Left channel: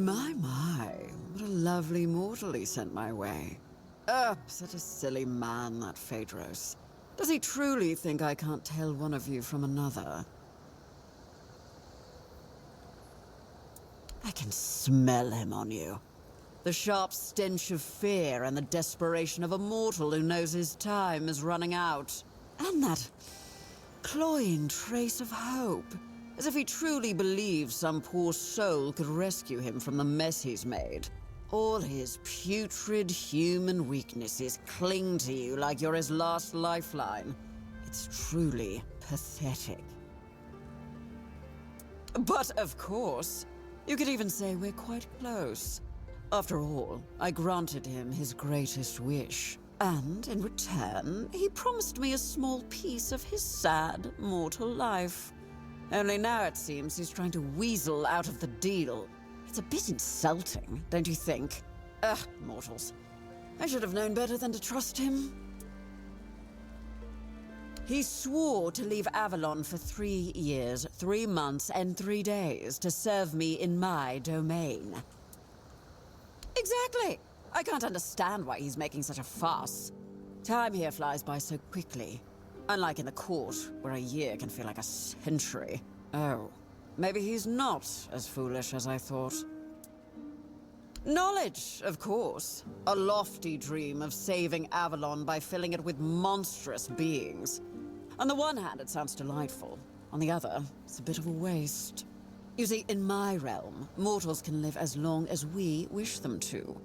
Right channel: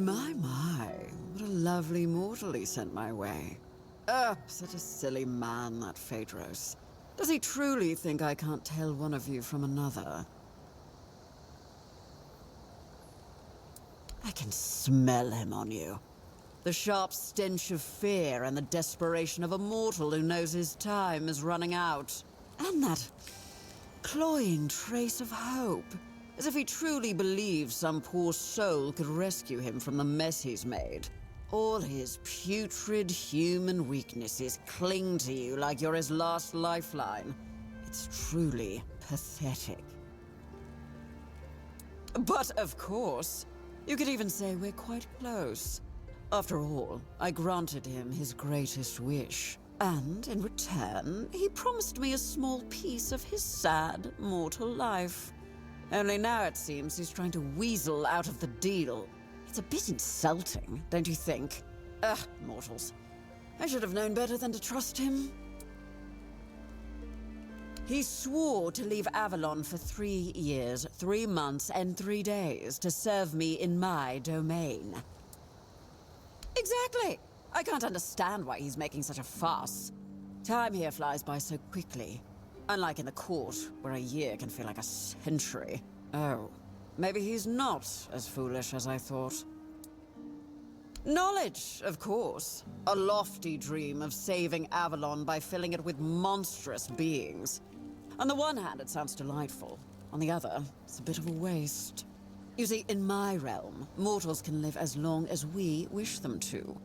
My, what a lovely mortal he sent my way. Such a silly man, that Phaedros. Does he truly think I can't tell one of you from another? I can smell him on you. The sharp stench of fear and the desperation of a mortal who knows his time is running out. And that cloying trace of hope, as if he truly believes some poor soul could rescue him from the mess he's made. All his putrid human weaknesses cling to you like you're his last lifeline. It's truly pathetic. But of course, you could even say we're quite close. After all, I granted him his greatest wish. And in return, he promised me a small piece of his sad, mortal life. Only now it seems he's trying to weasel out of the deal. It's a bit insulting, don't you think? Mortals. I should have known better than to trust him. He swore to leave Avalon for 3 years, 3 months, and 3 days to serve me in my domain. Exactly! I can't understand why he's making such a fuss. Time here flies by so quickly. Unlike in the court, where a year can feel like a century. Oh, maybe he's not as foolish as I thought. Knowledge, of course. A lofty dream of saving Avalon by filling it with monstrous beings. On the one hand, it sounds delightful. On the other, it's a bit of a waste. You see, in my realm, mortals can live as long as we wish them to.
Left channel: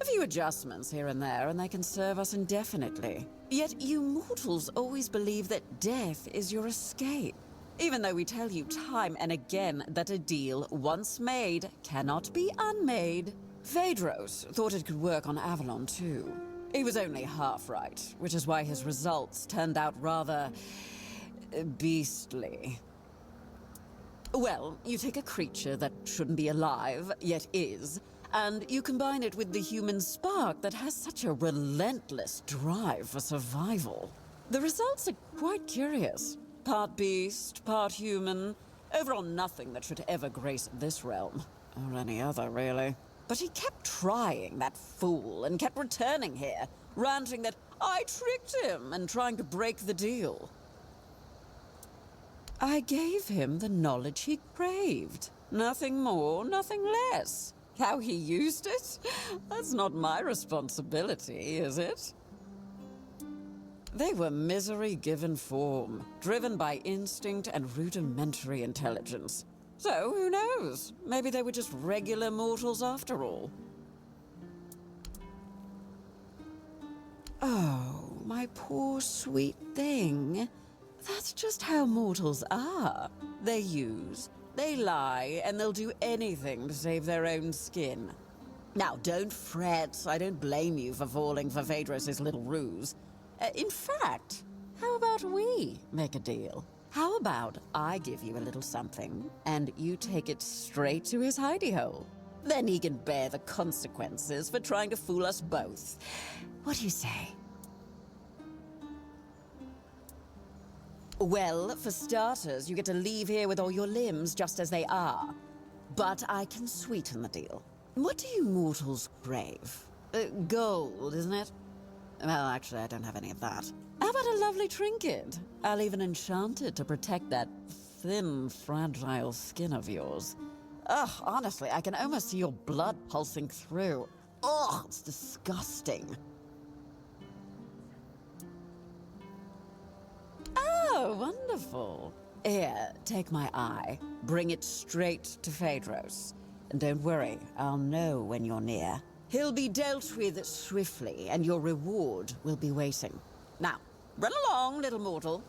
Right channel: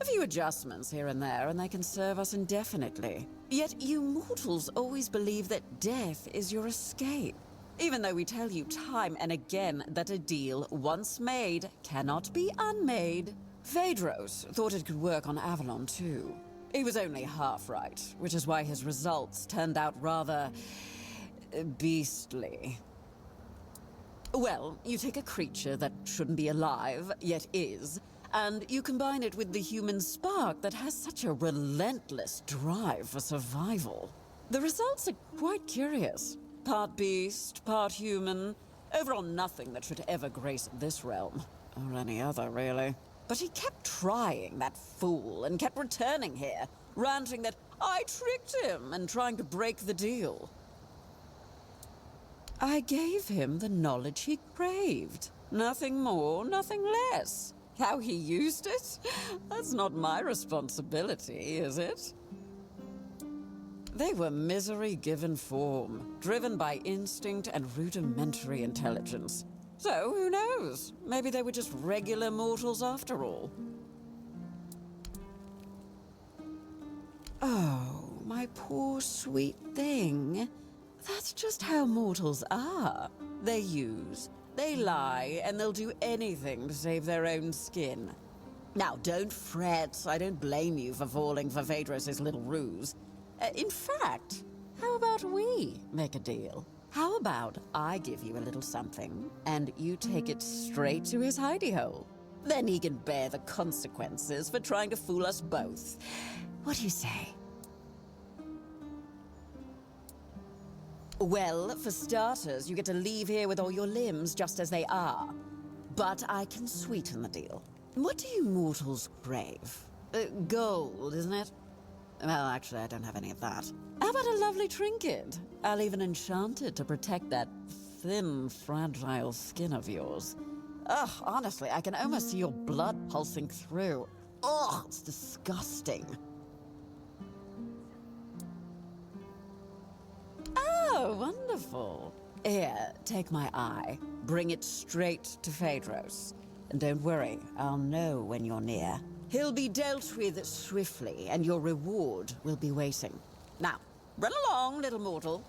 A few adjustments here and there, and they can serve us indefinitely. Yet you mortals always believe that death is your escape. Even though we tell you time and again that a deal once made cannot be unmade. Phaedros thought it could work on Avalon too. He was only half right, which is why his results turned out rather beastly. Well, you take a creature that shouldn't be alive, yet is, and you combine it with the human spark that has such a relentless drive for survival. The results are quite curious. Part beast, part human. Overall nothing that should ever grace this realm. Or any other, really. But he kept trying, that fool, and kept returning here, ranting that I tricked him and trying to break the deal. I gave him the knowledge he craved. Nothing more, nothing less. How he used it? That's not my responsibility, is it? They were misery given form, driven by instinct and rudimentary intelligence. So, who knows? Maybe they were just regular mortals after all. Oh, my poor sweet thing. That's just how mortals are. They use, they lie, and they'll do anything to save their own skin. Now, don't fret. I don't blame you for falling for Phaedros' little ruse. In fact, how about we make a deal? How about I give you a little something, and you take it straight to his hidey hole? Then he can bear the consequences for trying to fool us both. What do you say? Well, for starters, you get to leave here with all your limbs just as they are. But I can sweeten the deal. What do you mortals crave? Gold, isn't it? Well, actually, I don't have any of that. How about a lovely trinket? I'll even enchant it to protect that thin, fragile skin of yours. Ugh, honestly, I can almost see your blood pulsing through. Ugh, it's disgusting. Oh, wonderful. Here, take my eye. Bring it straight to Phaedros. And don't worry, I'll know when you're near. He'll be dealt with swiftly, and your reward will be waiting. Now, run along, little mortal.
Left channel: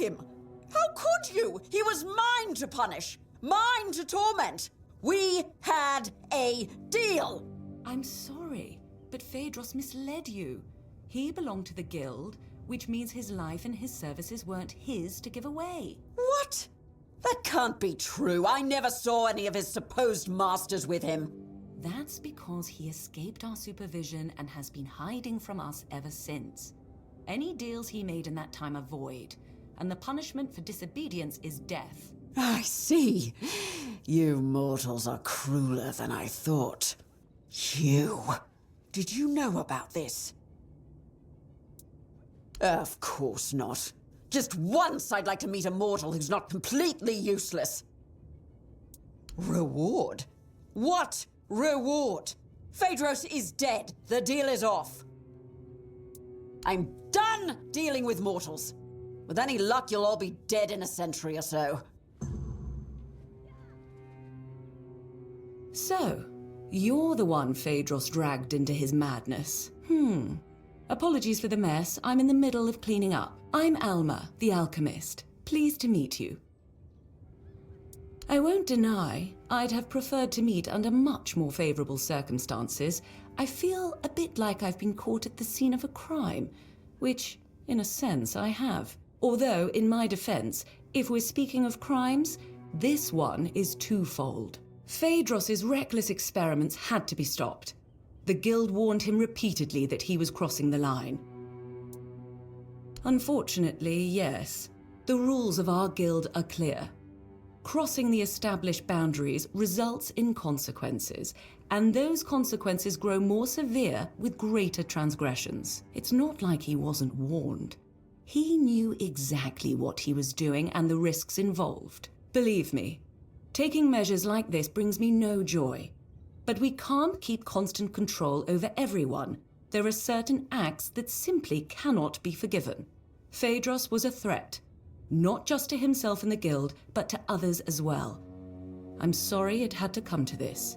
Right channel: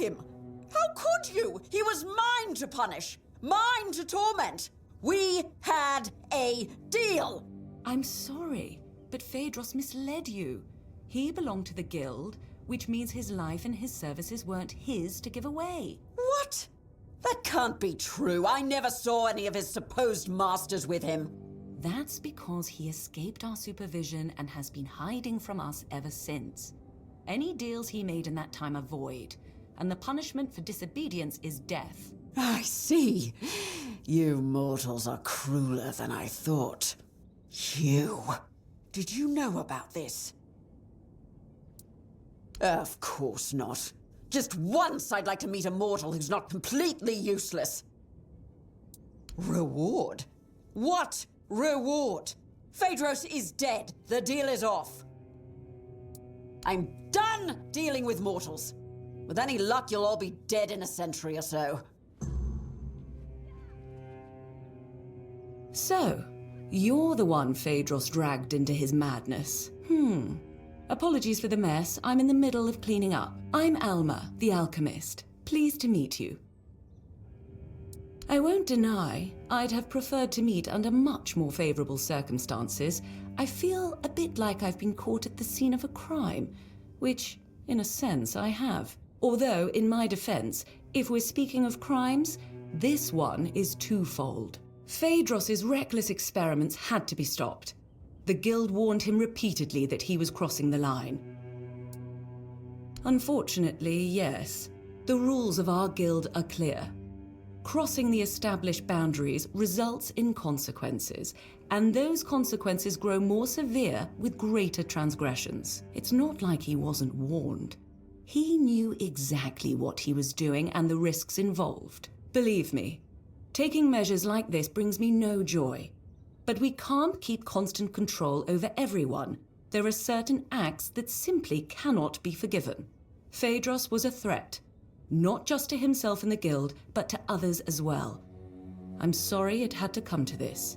him! How could you? He was mine to punish, mine to torment. We had a deal. I'm sorry, but Phaedros misled you. He belonged to the guild, which means his life and his services weren't his to give away. What? That can't be true. I never saw any of his supposed masters with him. That's because he escaped our supervision and has been hiding from us ever since. Any deals he made in that time are void, and the punishment for disobedience is death. I see. You mortals are crueler than I thought. You. Did you know about this? Of course not. Just once I'd like to meet a mortal who's not completely useless. Reward? What reward? Phaedros is dead. The deal is off. I'm done dealing with mortals. With any luck, you'll all be dead in a century or so. So, you're the one Phaedros dragged into his madness. Apologies for the mess. I'm in the middle of cleaning up. I'm Alma, the alchemist. Pleased to meet you. I won't deny I'd have preferred to meet under much more favorable circumstances. I feel a bit like I've been caught at the scene of a crime, which, in a sense, I have. Although, in my defense, if we're speaking of crimes, this one is twofold. Phaedros' reckless experiments had to be stopped. The guild warned him repeatedly that he was crossing the line. Unfortunately, yes, the rules of our guild are clear. Crossing the established boundaries results in consequences, and those consequences grow more severe with greater transgressions. It's not like he wasn't warned. He knew exactly what he was doing and the risks involved. Believe me, taking measures like this brings me no joy. But we can't keep constant control over everyone. There are certain acts that simply cannot be forgiven. Phaedros was a threat, not just to himself and the guild, but to others as well. I'm sorry it had to come to this.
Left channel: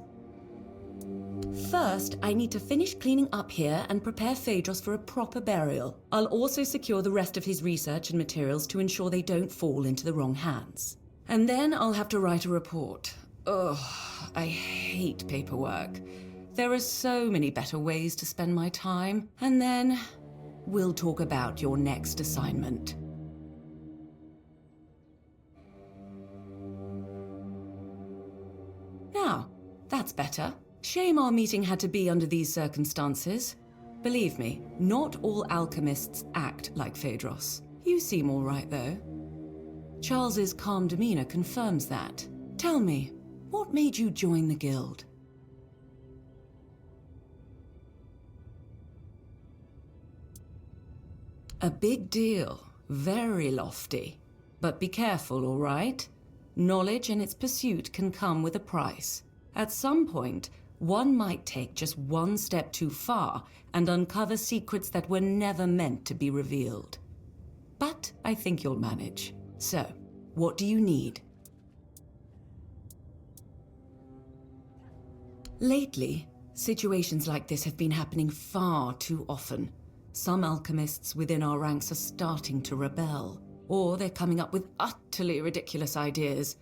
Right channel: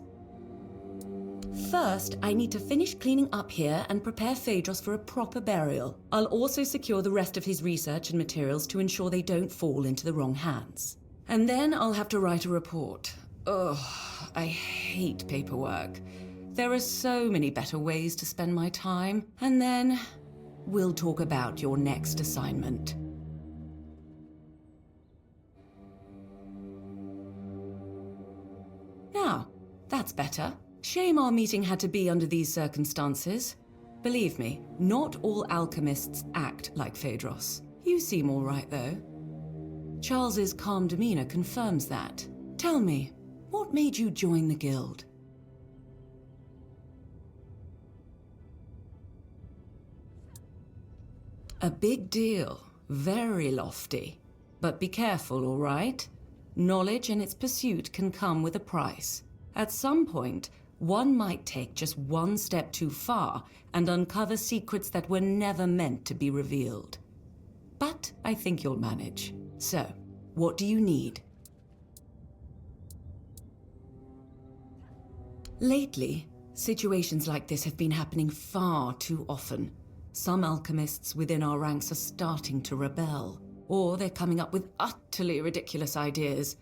First, I need to finish cleaning up here and prepare Phaedros for a proper burial. I'll also secure the rest of his research and materials to ensure they don't fall into the wrong hands. And then I'll have to write a report. Ugh, I hate paperwork. There are so many better ways to spend my time. And then we'll talk about your next assignment. Now, that's better. Shame our meeting had to be under these circumstances. Believe me, not all alchemists act like Phaedros. You seem all right, though. Charles's calm demeanor confirms that. Tell me, what made you join the guild? A big deal. Very lofty. But be careful, all right? Knowledge and its pursuit can come with a price. At some point, one might take just one step too far and uncover secrets that were never meant to be revealed. But I think you'll manage. So, what do you need? Lately, situations like this have been happening far too often. Some alchemists within our ranks are starting to rebel, or they're coming up with utterly ridiculous ideas.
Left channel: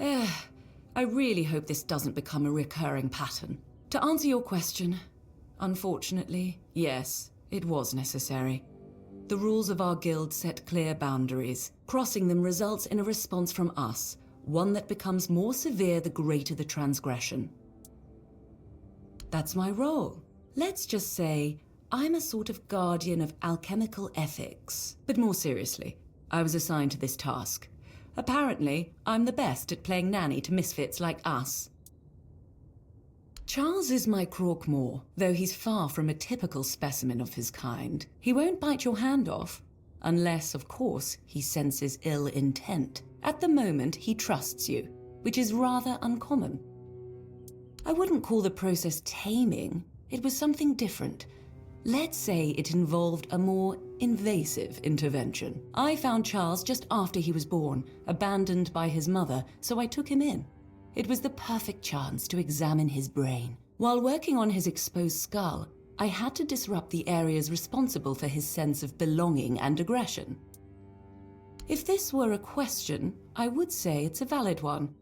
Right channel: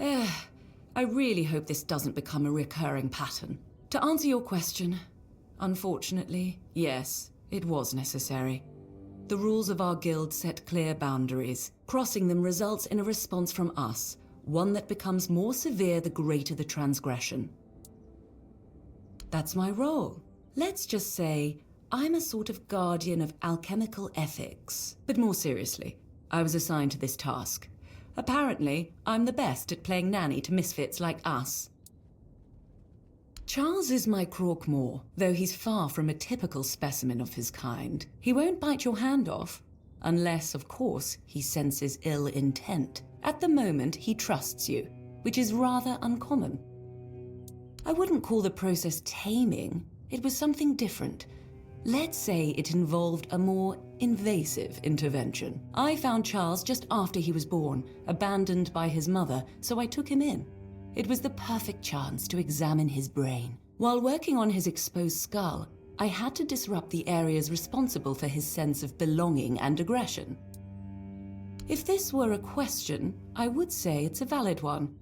I really hope this doesn't become a recurring pattern. To answer your question, unfortunately, yes, it was necessary. The rules of our guild set clear boundaries. Crossing them results in a response from us, one that becomes more severe the greater the transgression. That's my role. Let's just say I'm a sort of guardian of alchemical ethics. But more seriously, I was assigned to this task. Apparently, I'm the best at playing nanny to misfits like us. Charles is my Croakmore, though he's far from a typical specimen of his kind. He won't bite your hand off, unless, of course, he senses ill intent. At the moment, he trusts you, which is rather uncommon. I wouldn't call the process taming. It was something different. Let's say it involved a more invasive intervention. I found Charles just after he was born, abandoned by his mother, so I took him in. It was the perfect chance to examine his brain. While working on his exposed skull, I had to disrupt the areas responsible for his sense of belonging and aggression. If this were a question, I would say it's a valid one.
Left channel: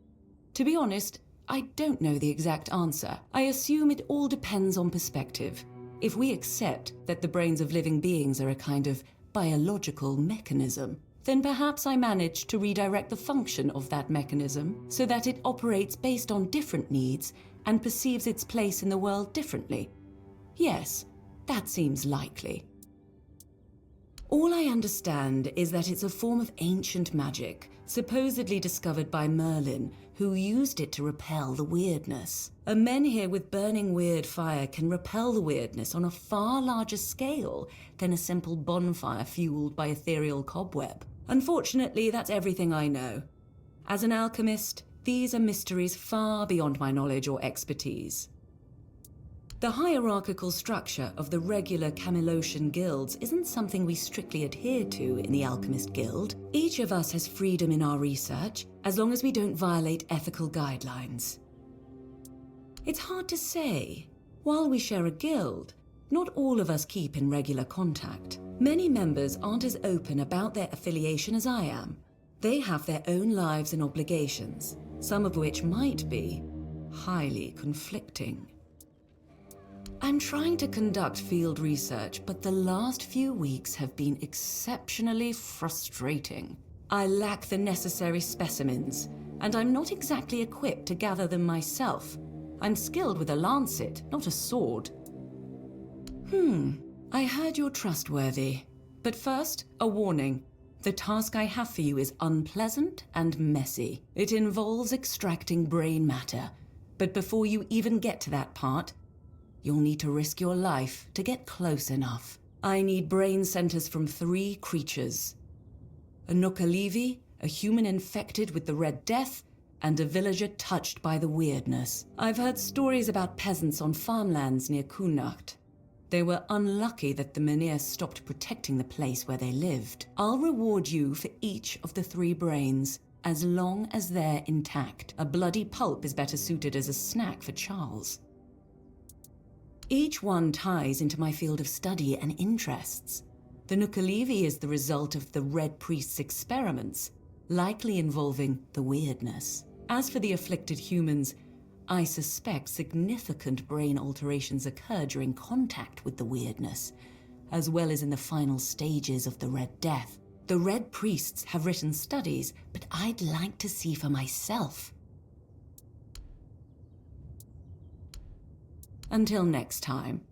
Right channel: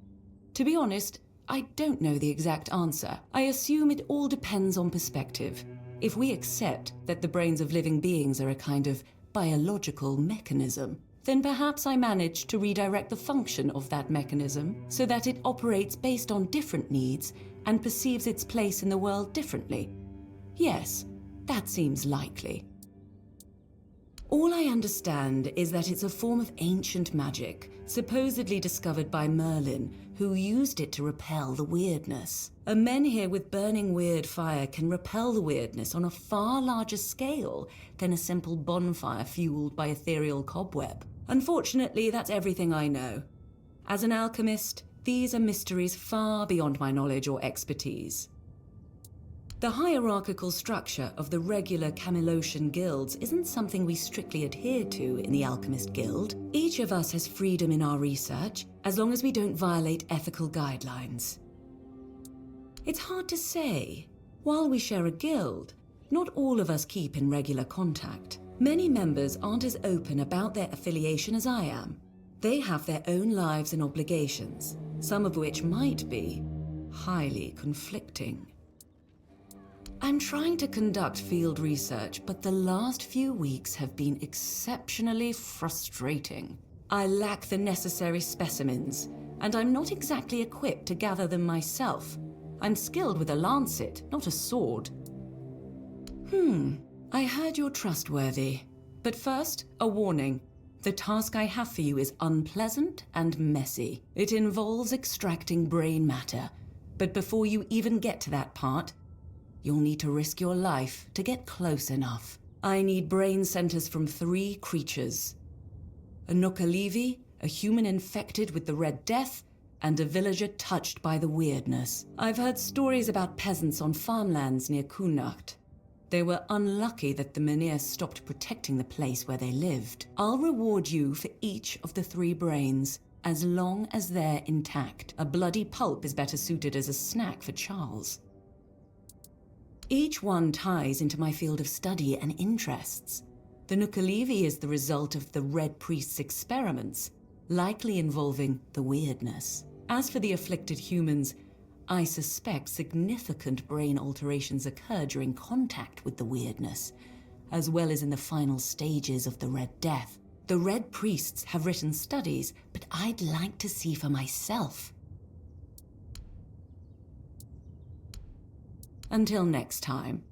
To be honest, I don't know the exact answer. I assume it all depends on perspective. If we accept that the brains of living beings are a kind of biological mechanism, then perhaps I managed to redirect the function of that mechanism so that it operates based on different needs and perceives its place in the world differently. Yes, that seems likely. All I understand is that it's a form of ancient magic, supposedly discovered by Merlin, who used it to repel the weirdness. A menhir with burning weird fire can repel the weirdness on a far larger scale than a simple bonfire fueled by ethereal cobweb. Unfortunately, that's everything I know. As an alchemist, these are mysteries far beyond my knowledge or expertise. The hierarchical structure of the regular Camelosian guilds isn't something we strictly adhere to in the Alchemist Guild. Each of us has freedom in our research, as long as we don't violate ethical guidelines. It's hard to say. While we share a guild, not all of us keep in regular contact. Many members aren't as open about their affiliation as I am. They have their own lives and obligations, some of which might be highly conflicting. I'm trying to conduct field research, but the last few weeks have been exceptionally frustrating. I lack the necessary specimens, and I'm not exactly equipped to gather them myself. I'm skilled with a lancet, not a sword. I heard you're trustworthy. But first, a warning. The task I have for you is unpleasant and messy. It involves extracting brain matter. But before you even get to that part, you'll need to risk your life to get close enough. I need brain centers from 3 creatures. A Nookalivi, a human infected with the Red Death, and a villager touched by the weirdness. I've heard stories about peasants on farmlands near Kunacht. They were unlucky that the Menhir stopped protecting the place where they lived. I'll reward you for each of the 3 brains, as long as they're intact. A bloody pulp is better suited as a snack for Charles. Each one ties into my field of study and interests. The Nookalivi is the result of the Red Priest's experiments, likely involving the weirdness. As for the afflicted humans, I suspect significant brain alterations occur during contact with the weirdness, as well as in the final stages of the Red Death. The Red Priests have written studies, but I'd like to see for myself. Until next time.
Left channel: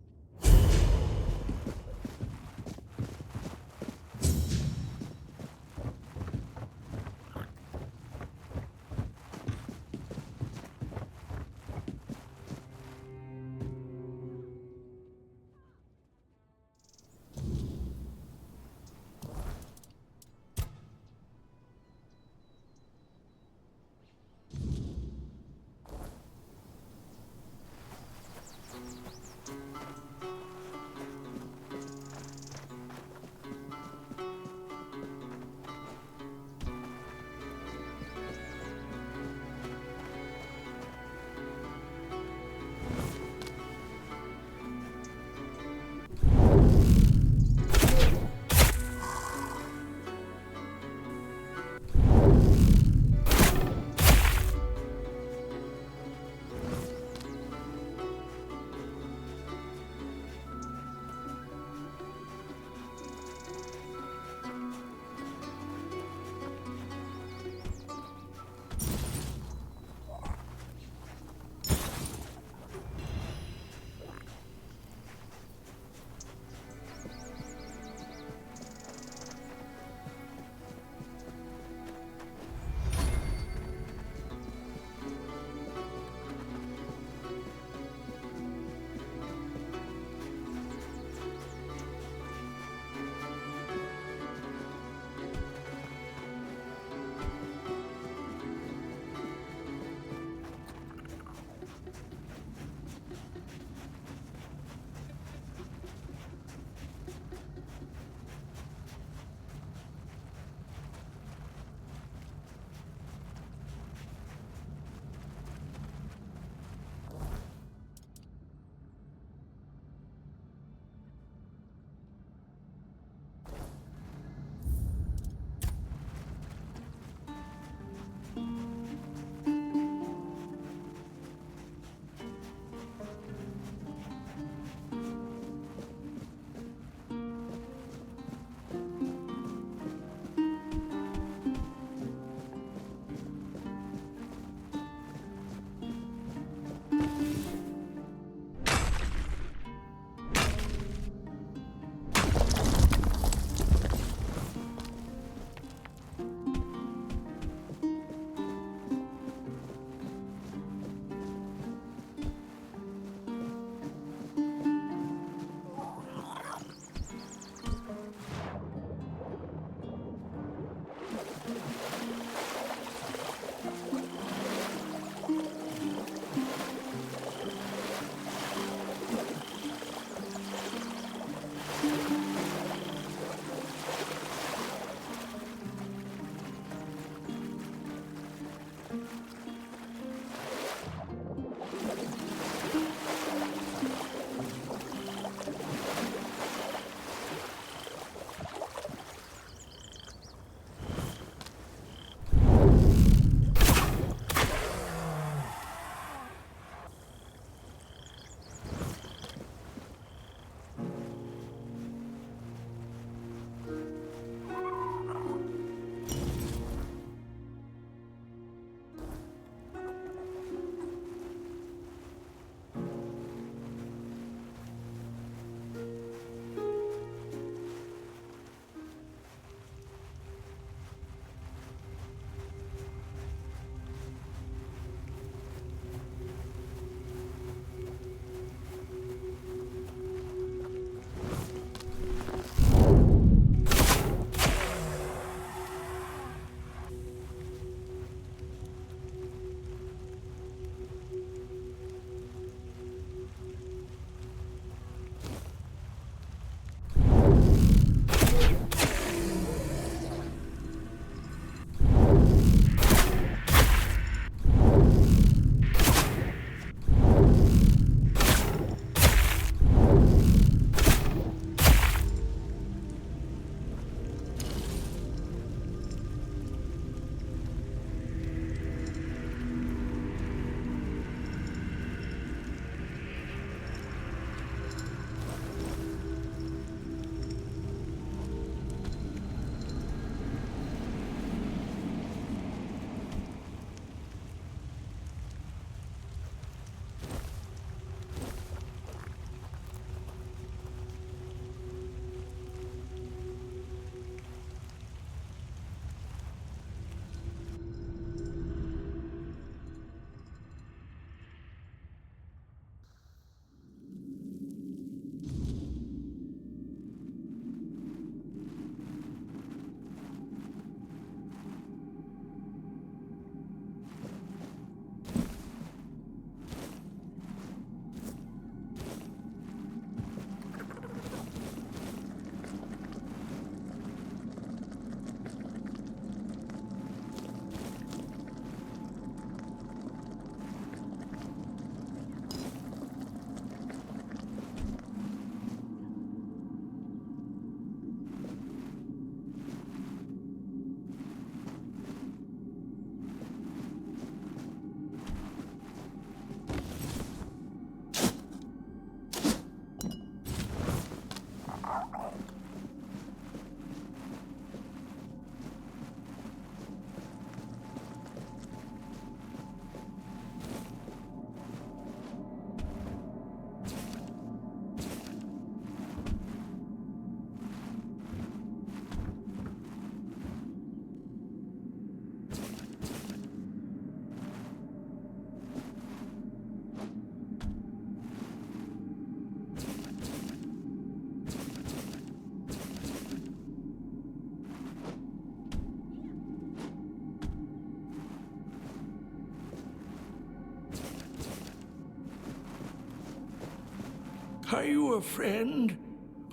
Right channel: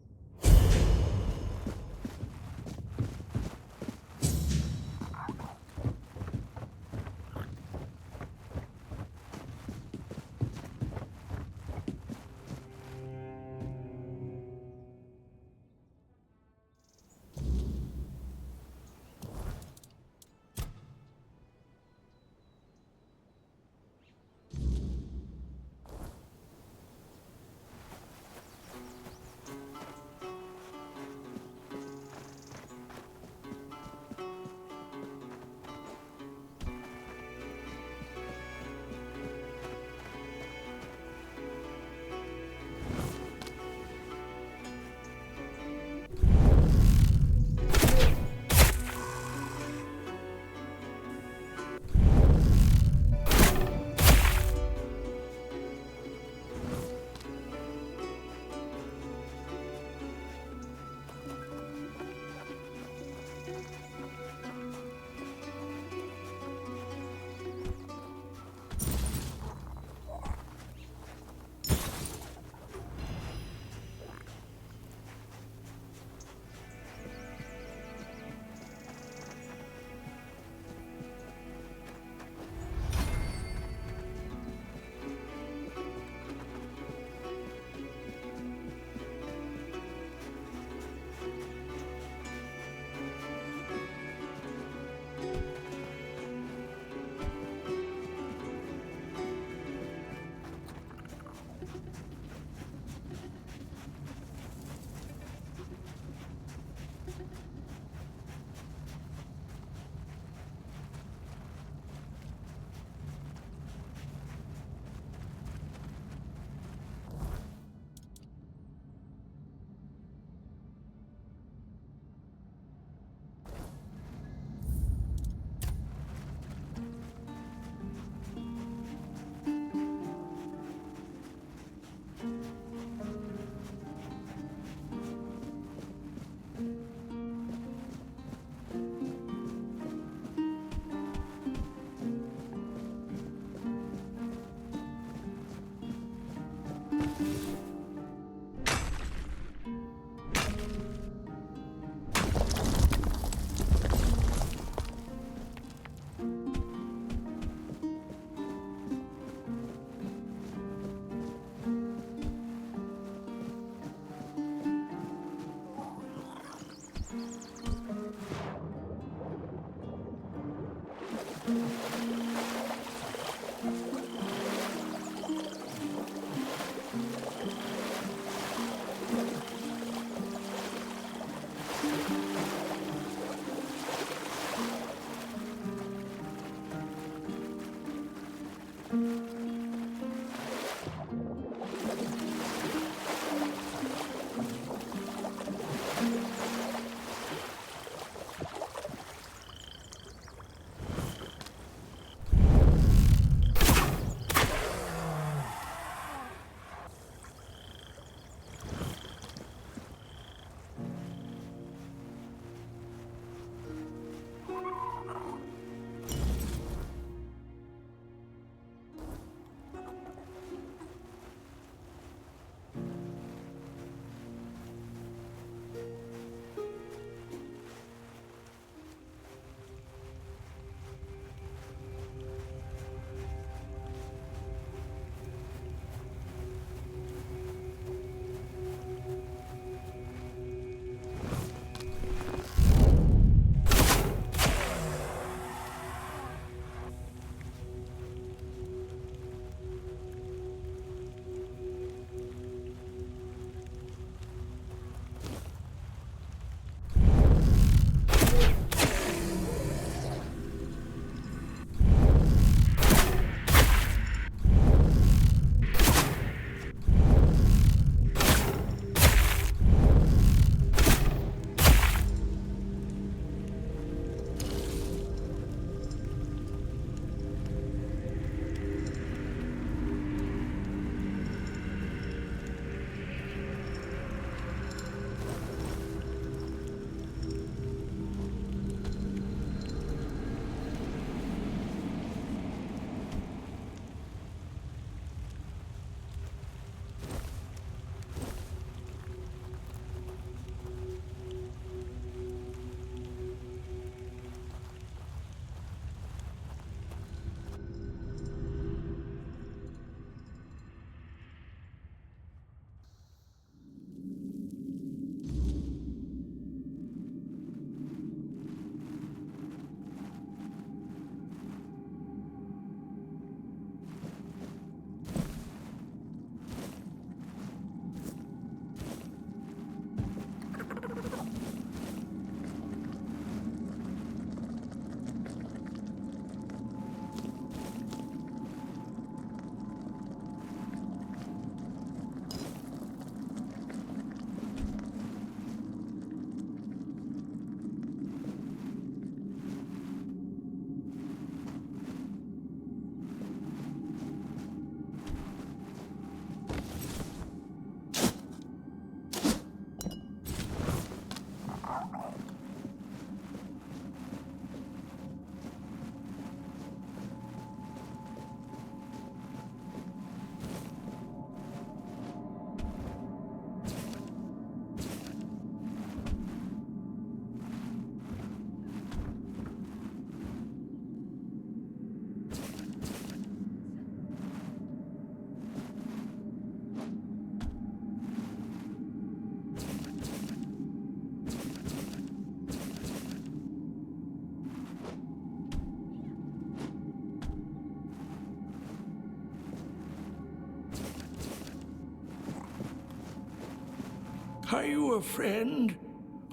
Are you a friend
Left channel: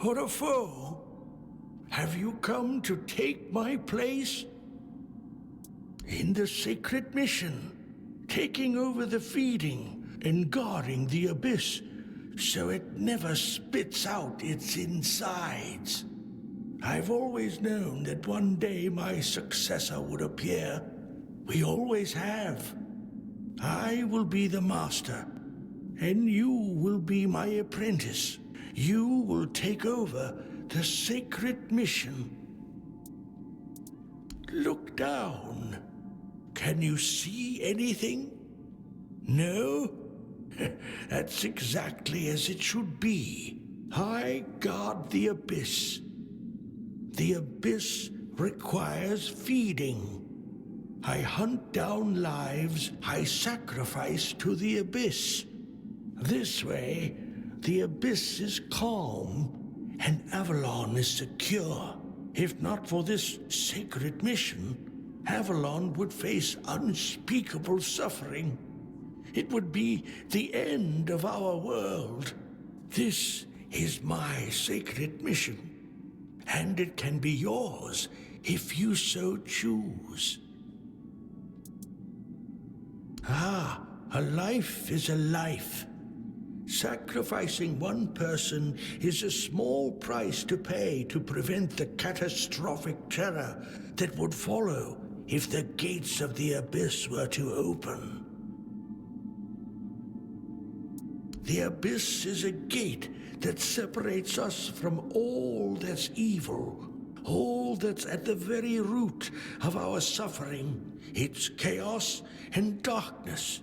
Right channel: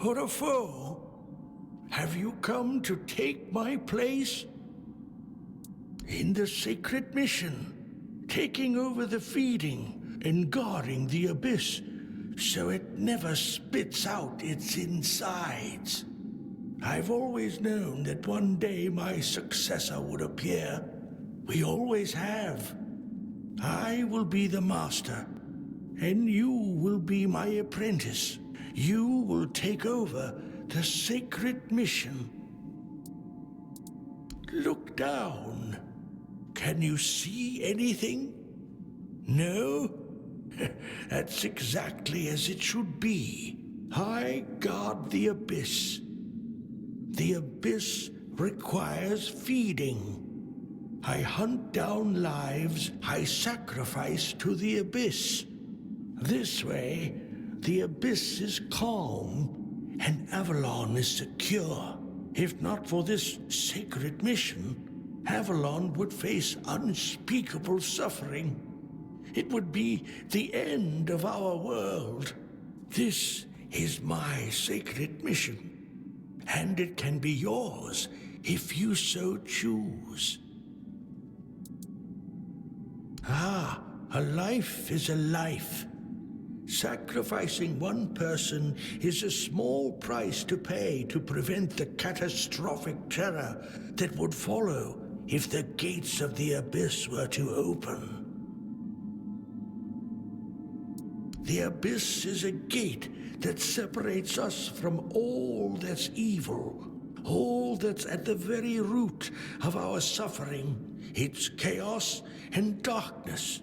or a foe? Have you come to take my place? In the sacred mission, taking over the feeding and guarding the abyss so it never spits out its insides. I've always known that one day my successor would appear. We always have. I will be the master, and you will be my apprentice. You will take over the sacred mission. Look down. Can you see anything? No? That's exactly as it should be. I guard the abyss. The abyss requires feeding. I hunt down lives I sacrifice to the abyss. This way, the abyss is calm and Avalon is secure. If not for this sacred mission, Avalon would face unspeakable suffering. It would be the end of our world. This is my sacred mission, and it can be yours if you so choose. Ah, a life is a life. Sacrificing one person is a small price to pay to prevent the catastrophic terror that would follow if the gates of the abyss were to open. The abyss is a gate that separates us from all that's evil, all that's at the very root of our suffering. It's chaos and darkness.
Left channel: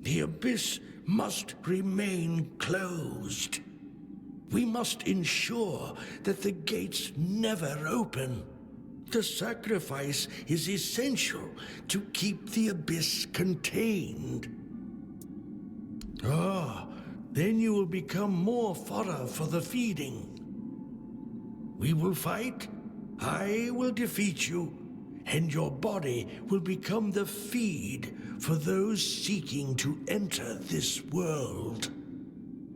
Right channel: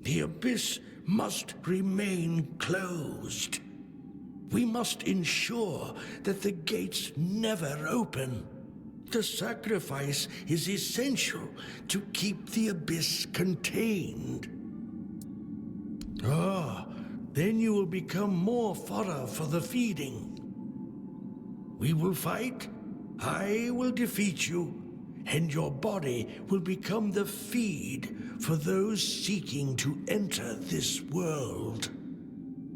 The abyss must remain closed. We must ensure that the gates never open. The sacrifice is essential to keep the abyss contained. Then you will become more fodder for the feeding. We will fight, I will defeat you, and your body will become the feed for those seeking to enter this world.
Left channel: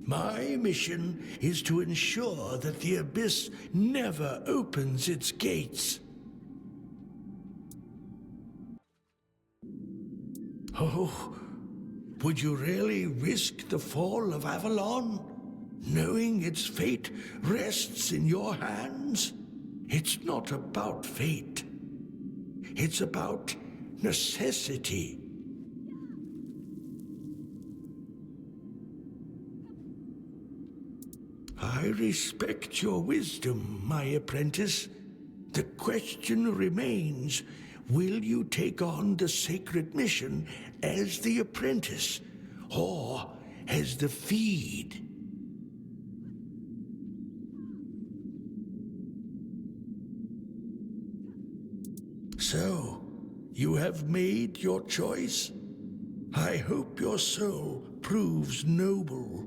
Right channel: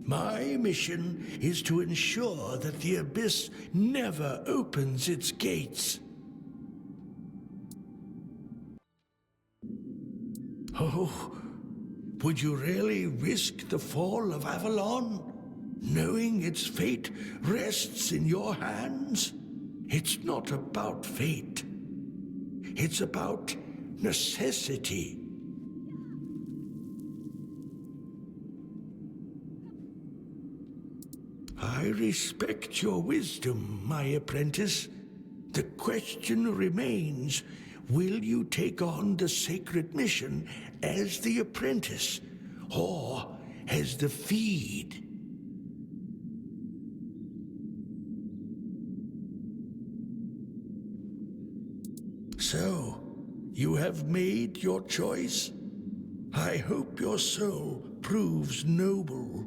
My mission is to ensure that the abyss never opens its gates. Oh, would you really risk the fall of Avalon, knowing its fate rests in your hands? It's not about fate. It's about necessity. I respect your wisdom, my apprentice. The question remains, will you take on the sacred mission as the apprentice, or as the feed? So, you have made your choice? I hope your soul proves noble.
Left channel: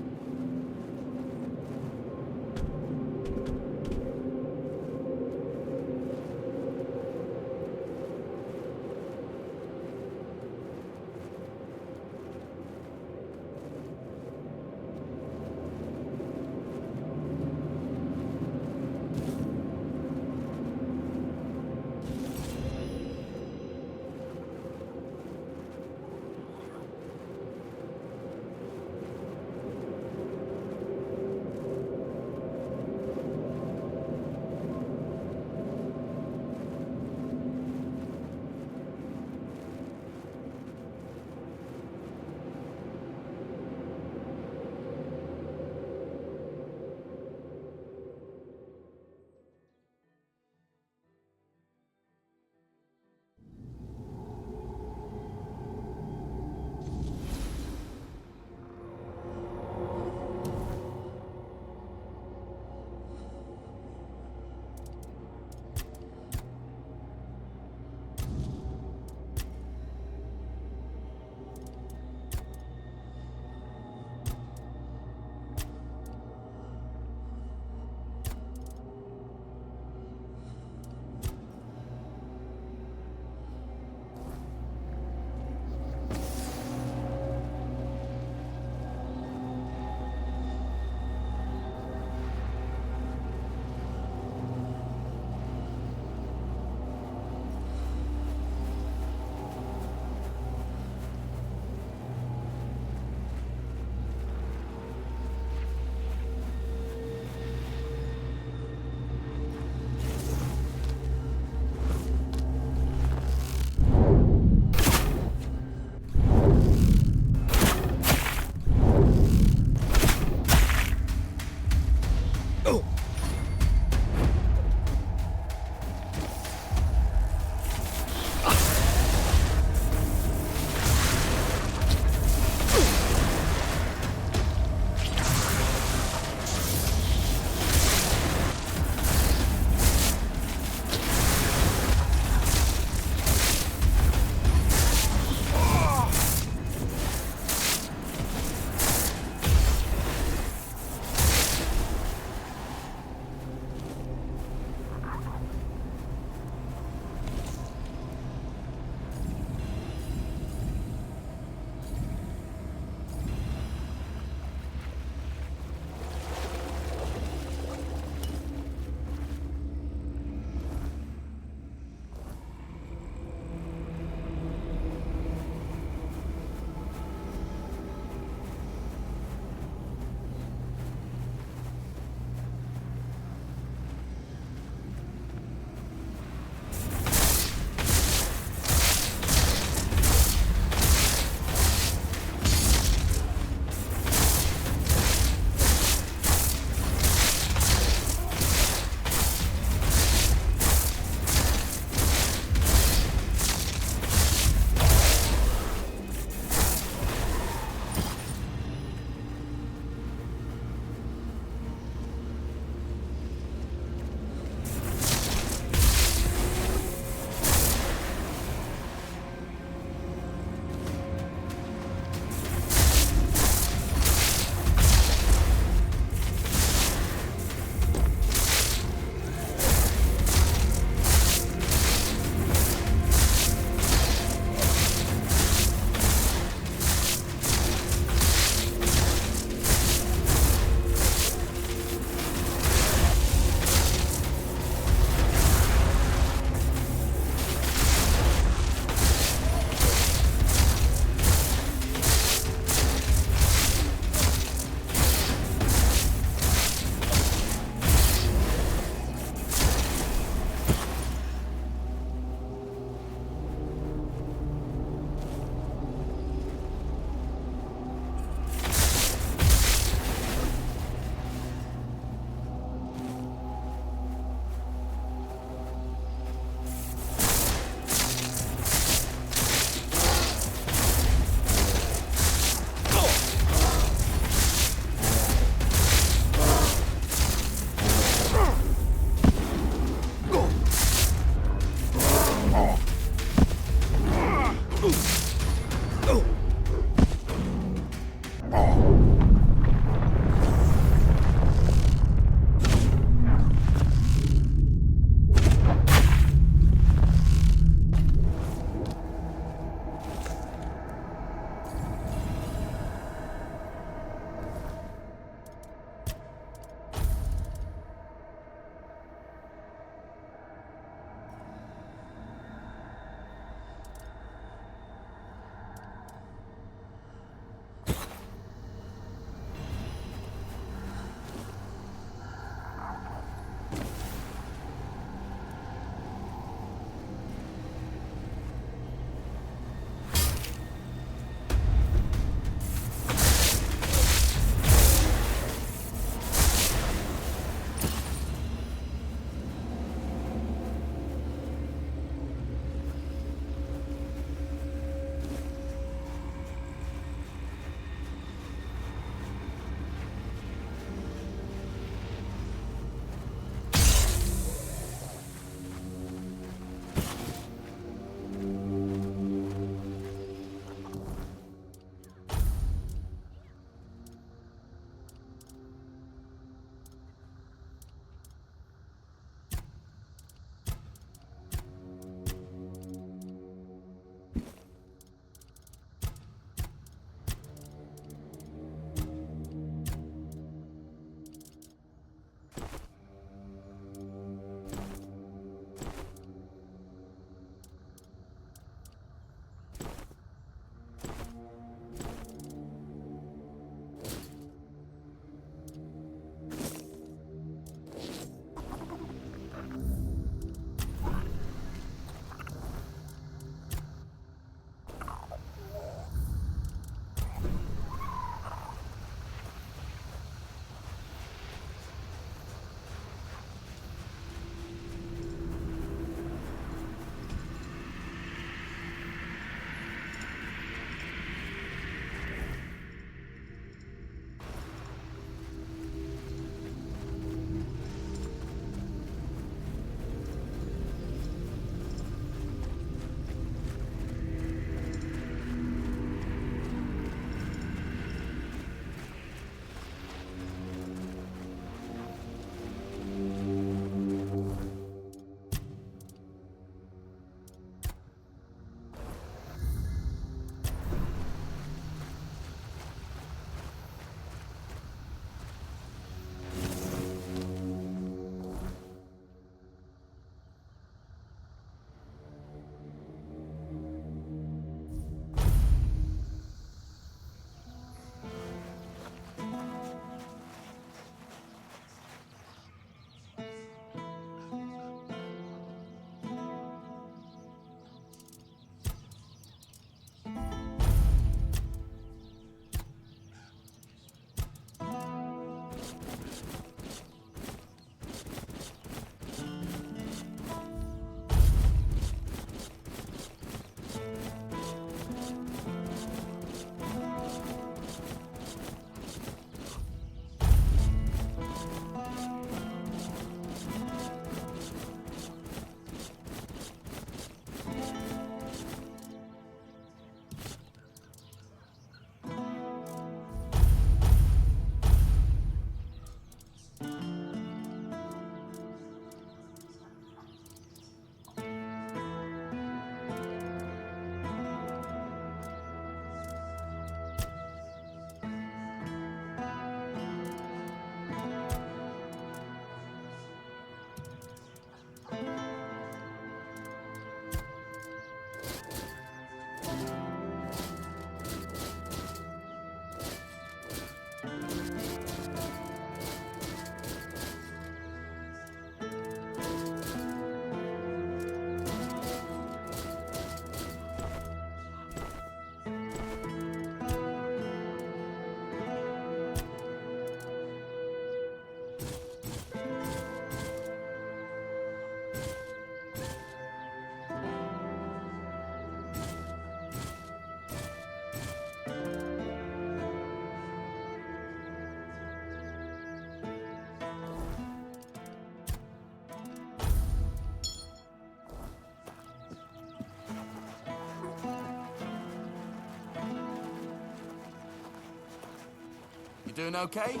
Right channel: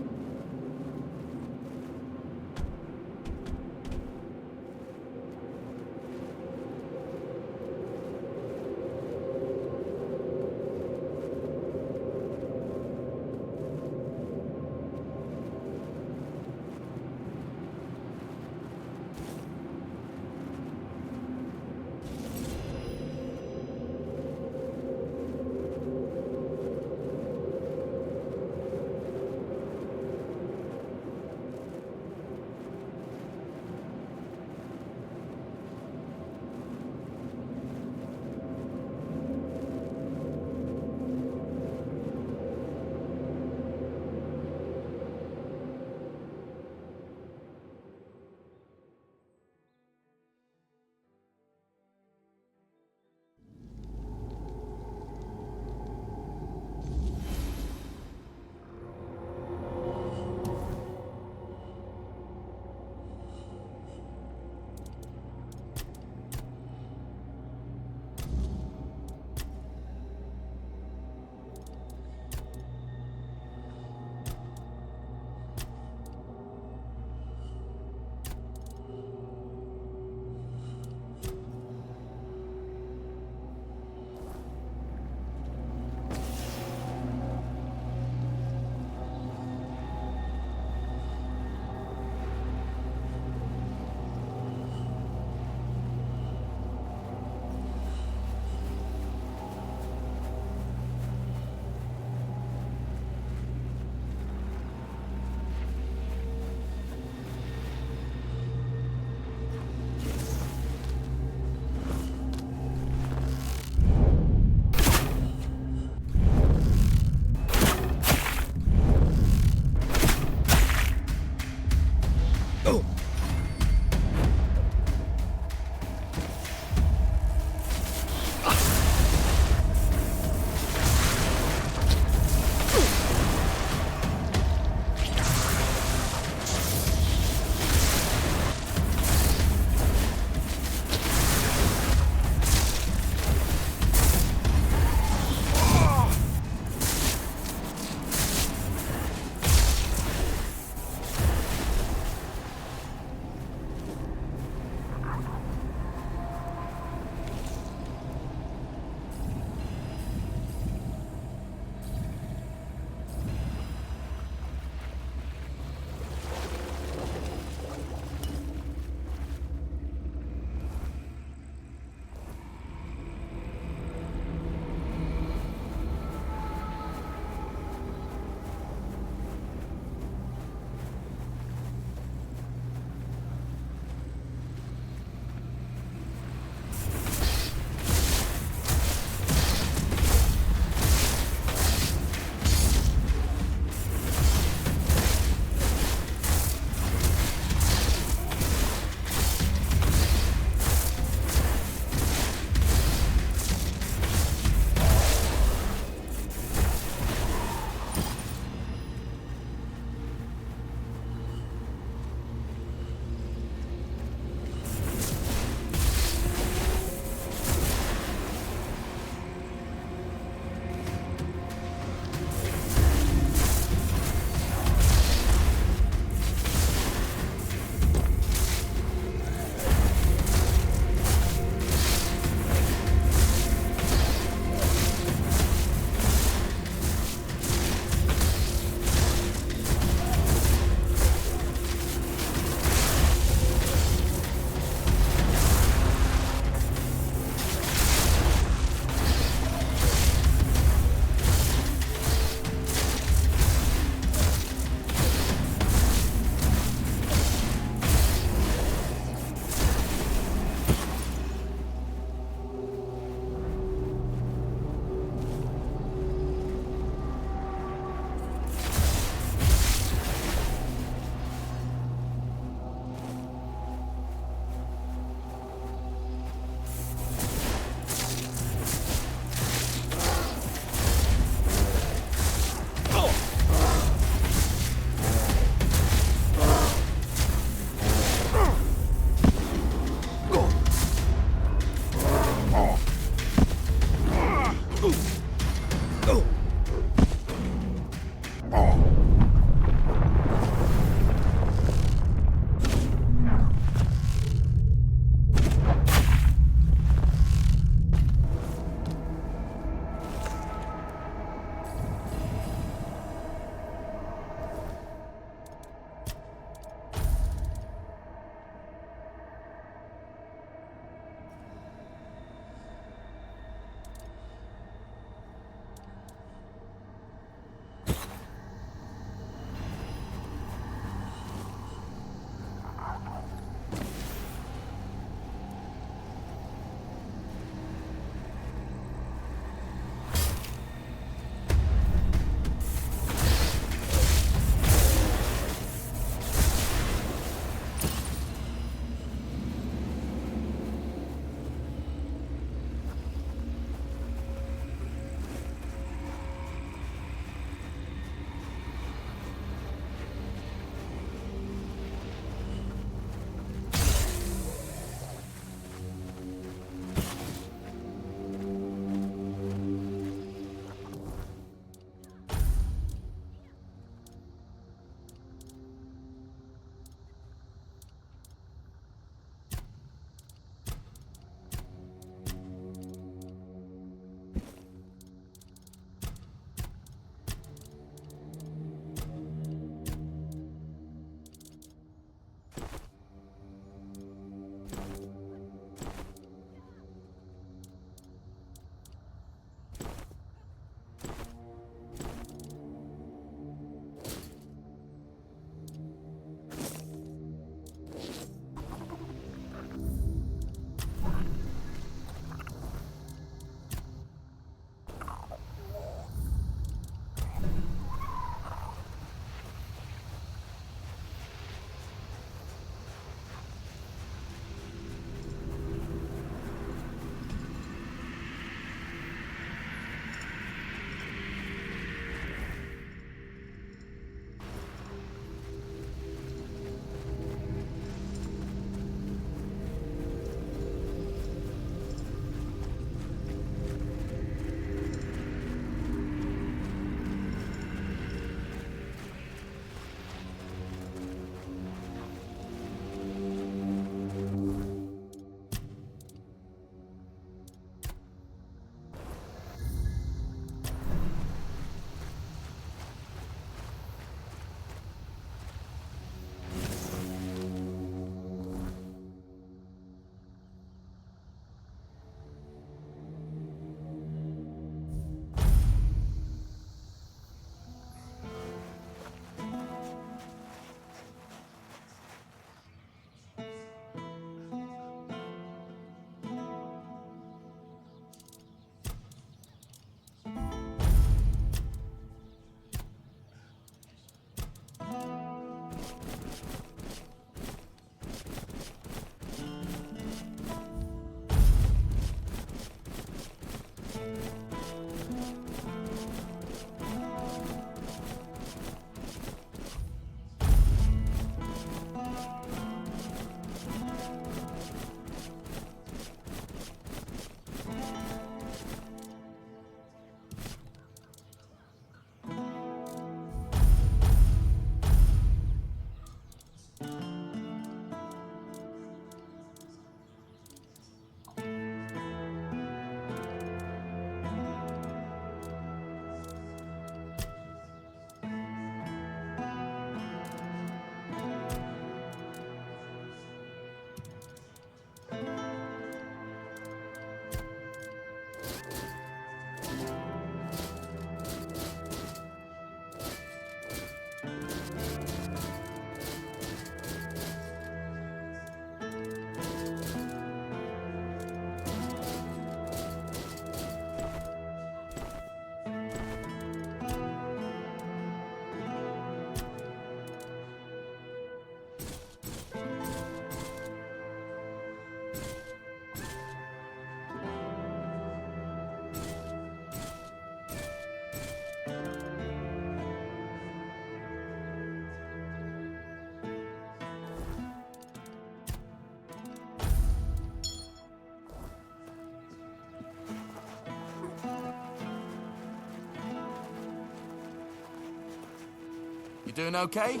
You doing okay?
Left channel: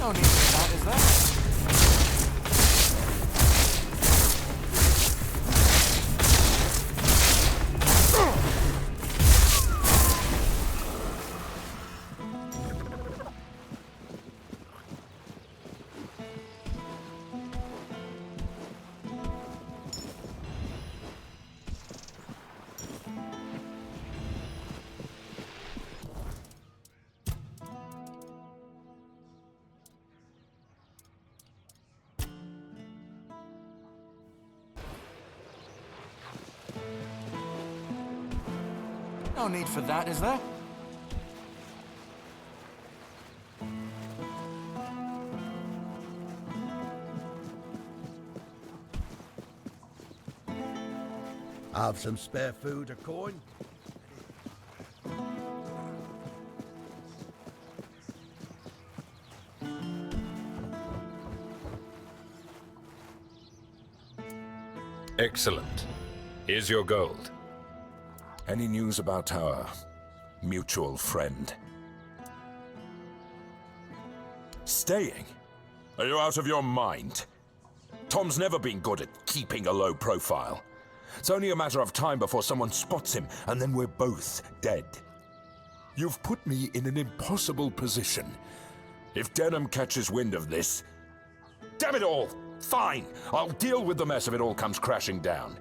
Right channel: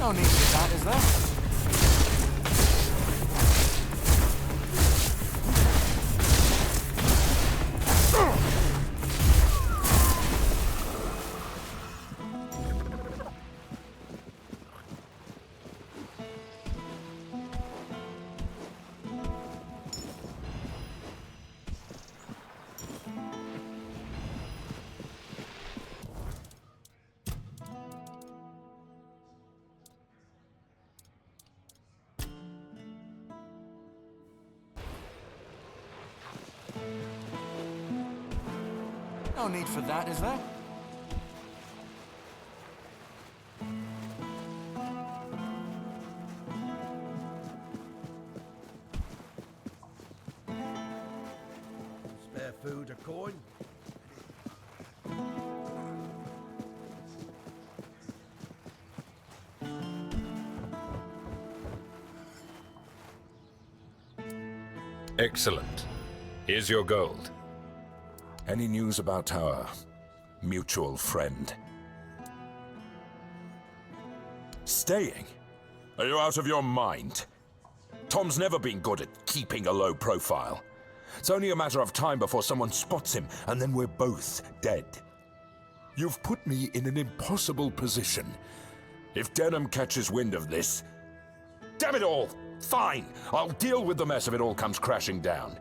No need for that, is there? No need for that, is there? Have some spare food or coin? Excellent. Here's your gold. Any news about our mutual friend? Staying? Are you out of your mind? Tom's never been good at keeping a low profile. It's only a matter of time before someone spots him, and then we're both dead. You've put me in an impossible position. If Denham catches wind of this... Damn it all! Fine! I'll deal with the mess if it all comes crashing down.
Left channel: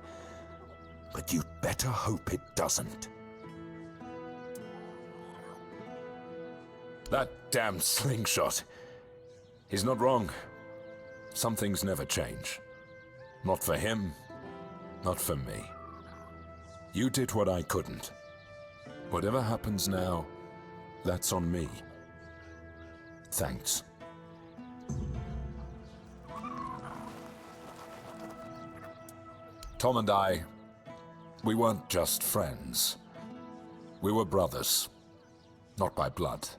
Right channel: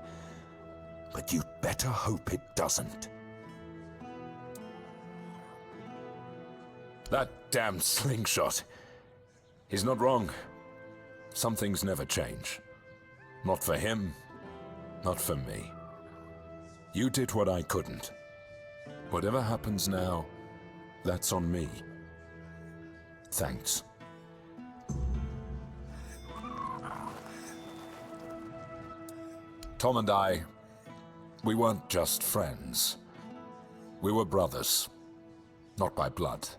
But you'd better hope it doesn't. That damn slingshot. He's not wrong. Some things never change. Not for him, not for me. You did what I couldn't. Whatever happens now, that's on me. Thanks. Tom and I, we weren't just friends. We were brothers. Not by blood,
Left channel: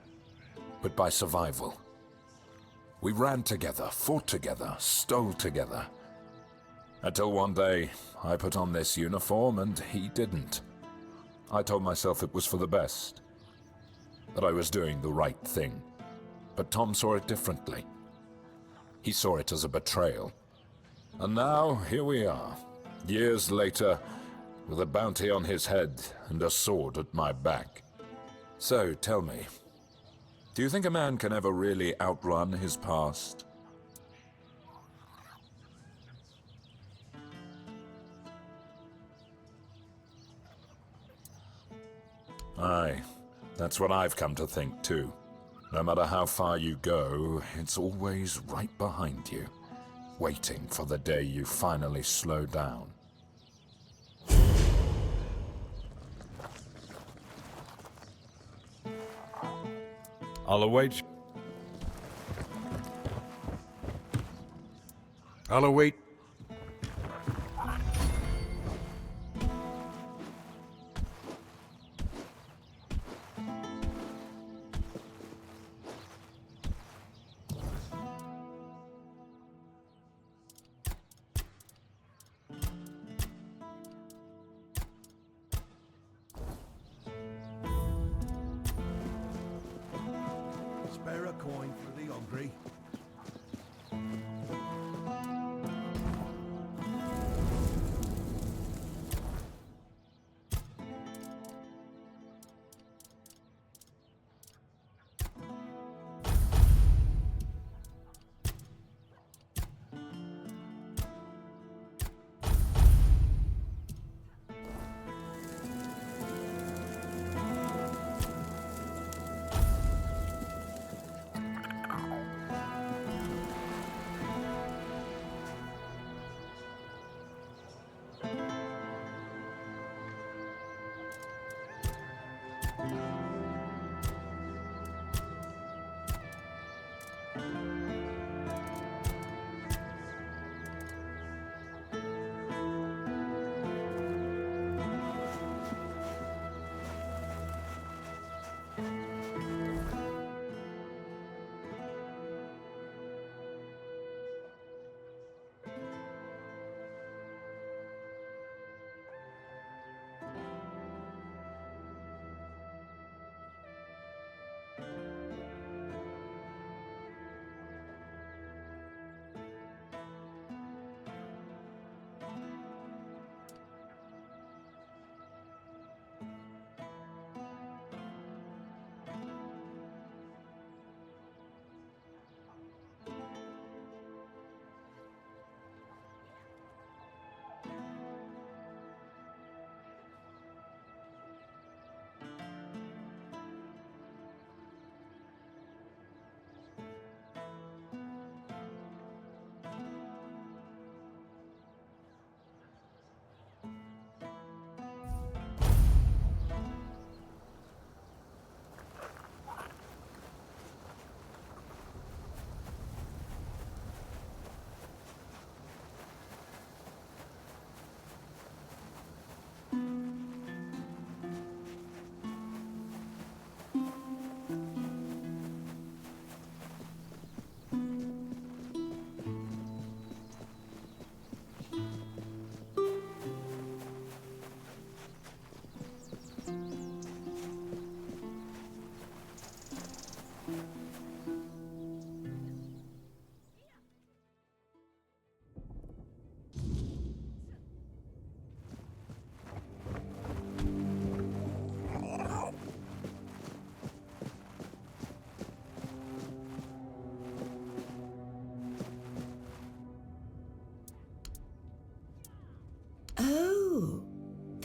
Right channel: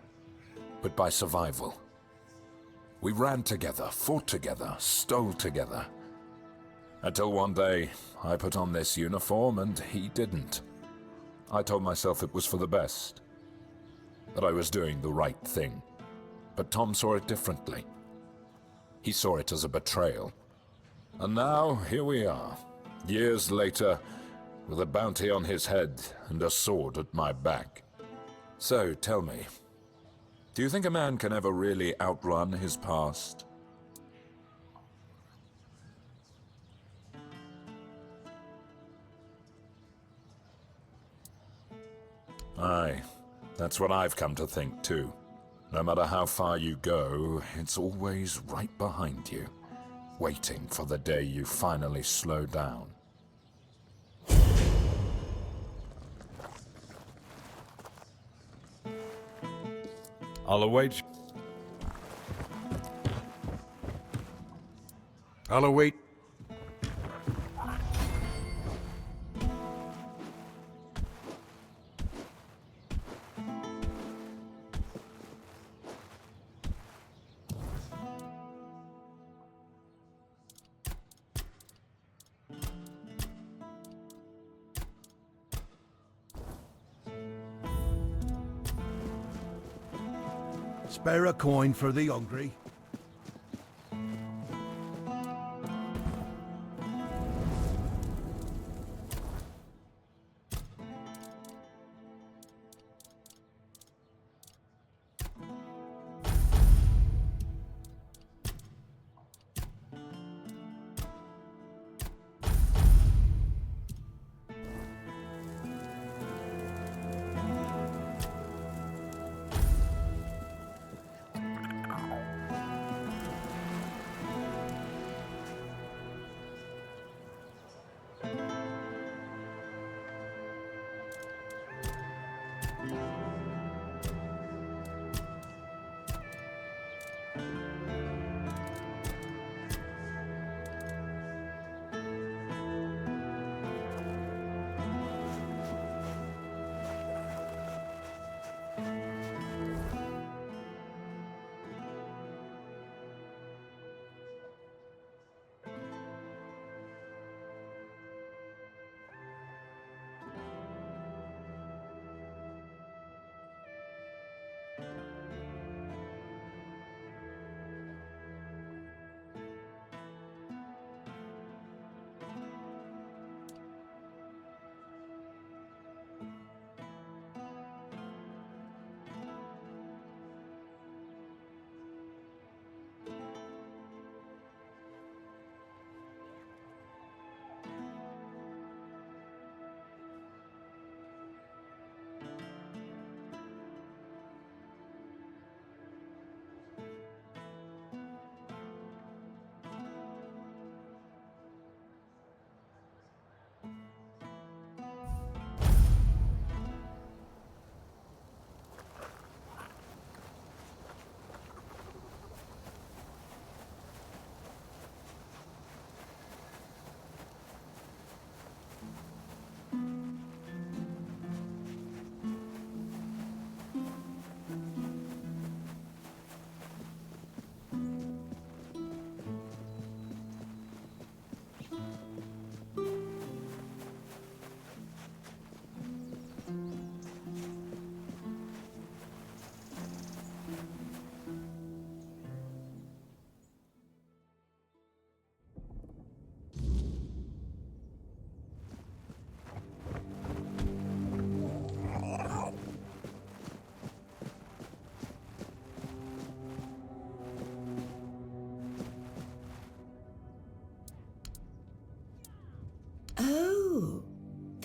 but by survival. We ran together, fought together, stole together. Until one day, I put on this uniform and he didn't. I told myself it was for the best, that I was doing the right thing. But Tom saw it differently. He saw it as a betrayal. And now, here we are, years later, with a bounty on his head and a sword at my back. So, tell me, do you think a man can ever really outrun his past? Aye, that's what I've come to think too. No matter how far you go, it's always right behind you, waiting for the day you finally slow down. I'll await. I'll await. Spare a coin for the hungry.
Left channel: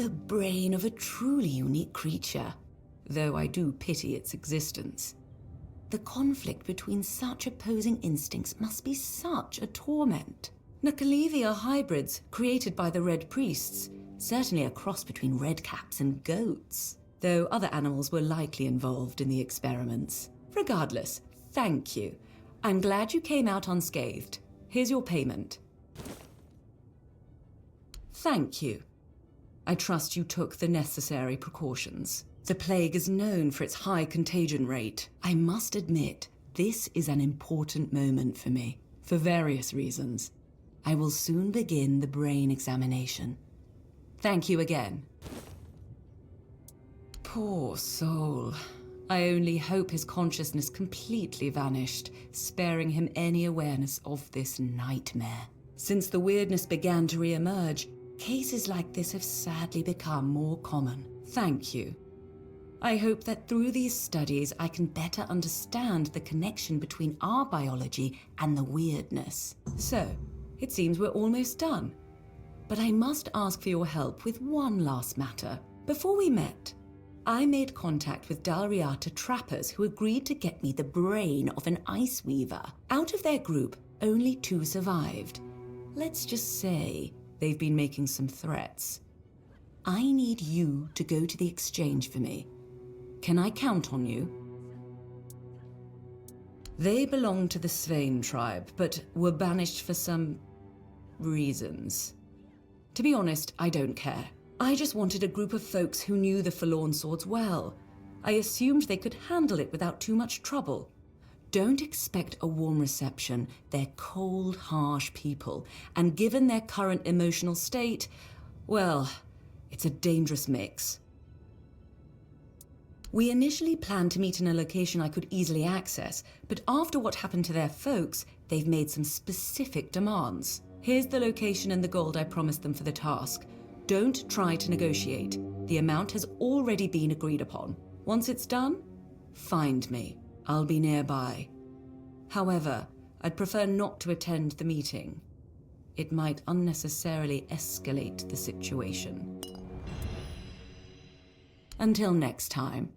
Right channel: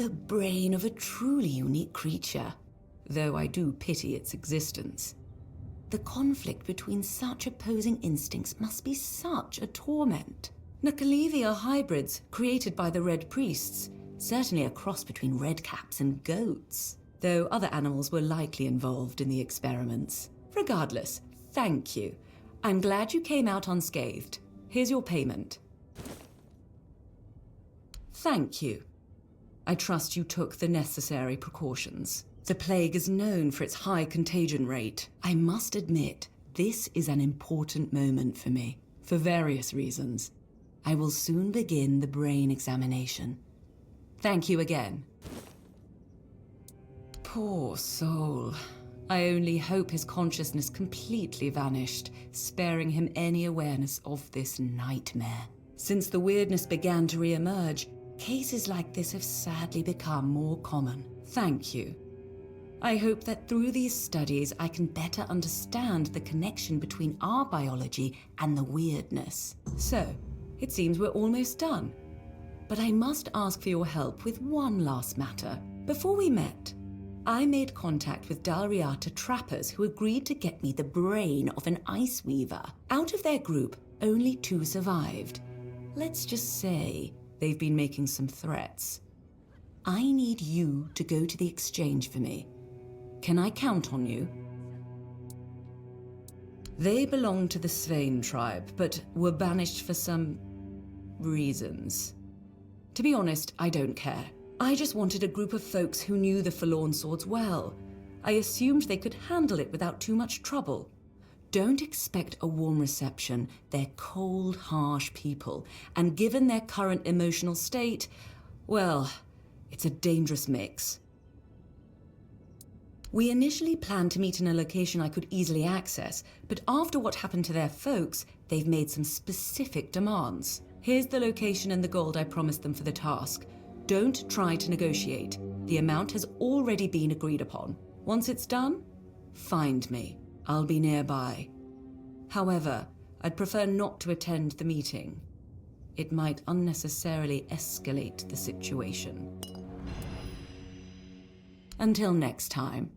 The brain of a truly unique creature, though I do pity its existence. The conflict between such opposing instincts must be such a torment. Nakalevi are hybrids created by the Red Priests, certainly a cross between redcaps and goats, though other animals were likely involved in the experiments. Regardless, thank you. I'm glad you came out unscathed. Here's your payment. Thank you. I trust you took the necessary precautions. The plague is known for its high contagion rate. I must admit, this is an important moment for me, for various reasons. I will soon begin the brain examination. Thank you again. Poor soul. I only hope his consciousness completely vanished, sparing him any awareness of this nightmare. Since the weirdness began to re-emerge, cases like this have sadly become more common. Thank you. I hope that through these studies I can better understand the connection between our biology and the weirdness. So, it seems we're almost done. But I must ask for your help with one last matter. Before we met, I made contact with Dalriata trappers who agreed to get me the brain of an ice weaver. Out of their group, only 2 survived. Let's just say they've been making some threats. I need you to go to the exchange for me. Can I count on you? They belong to the Svein tribe, but were banished for some reasons. To be honest, I don't care. I just wanted a group of folks who knew the Forlorn Swords well. I assumed they could handle it without too much trouble. Don't expect a warm reception. They're cold, harsh people, and given their current emotional state, well, it's a dangerous mix. We initially planned to meet in a location I could easily access, but after what happened to their folks, they've made some specific demands. Here's the location and the gold I promised them for the task. Don't try to negotiate. The amount has already been agreed upon. Once it's done, find me. I'll be nearby. However, I'd prefer not to attend the meeting. It might unnecessarily escalate the situation. Until next time.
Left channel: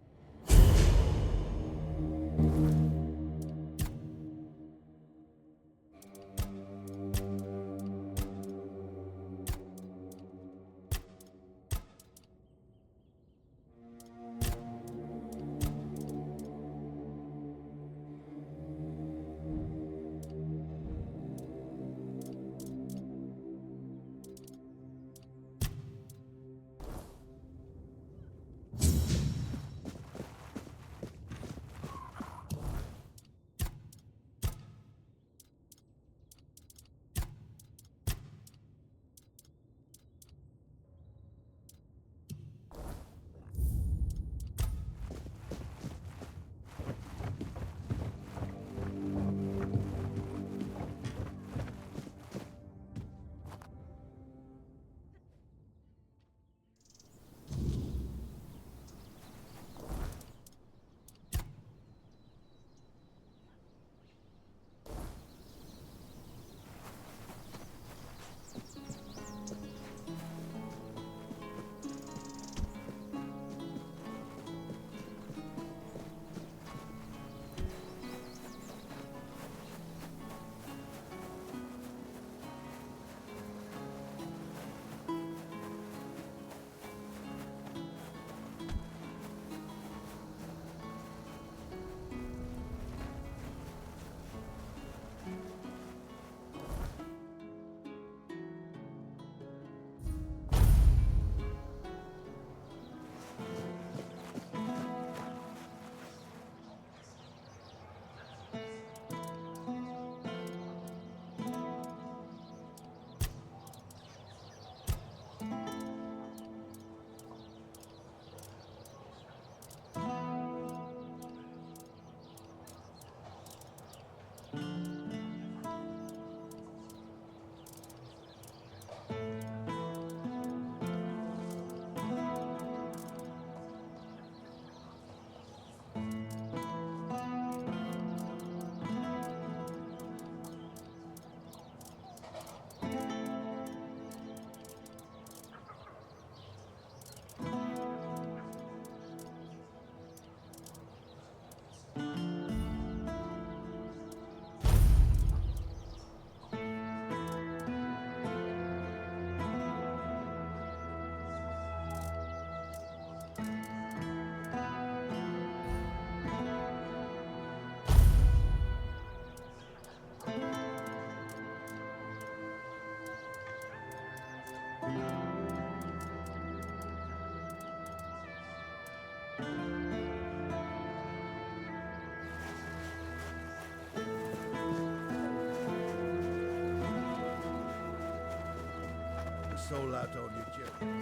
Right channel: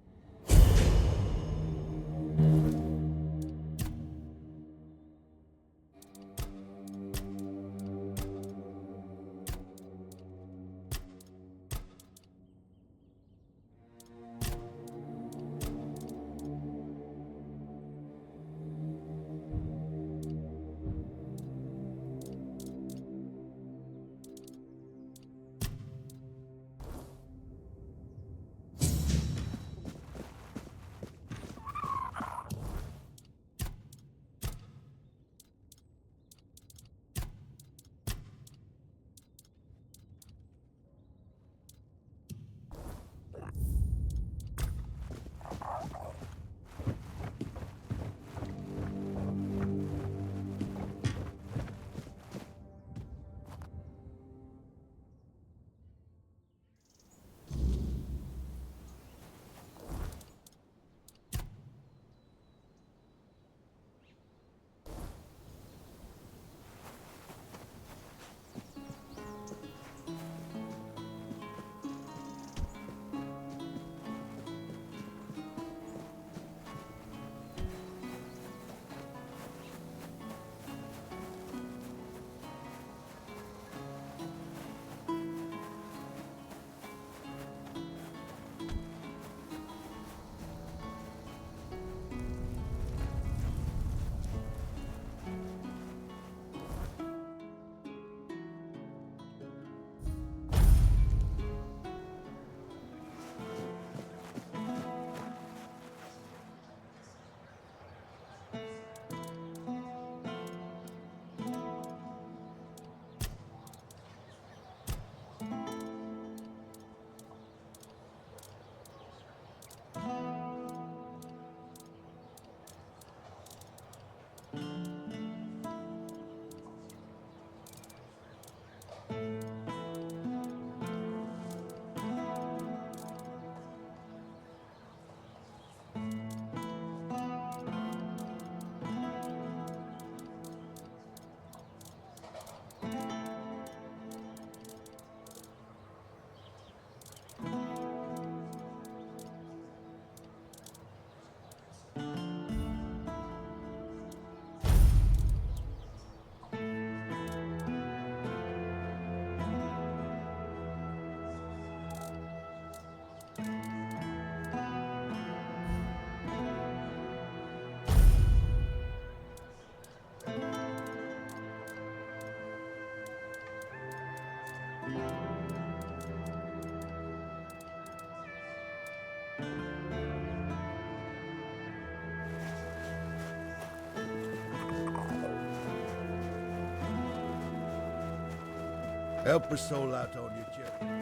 Help a soul out on your journey.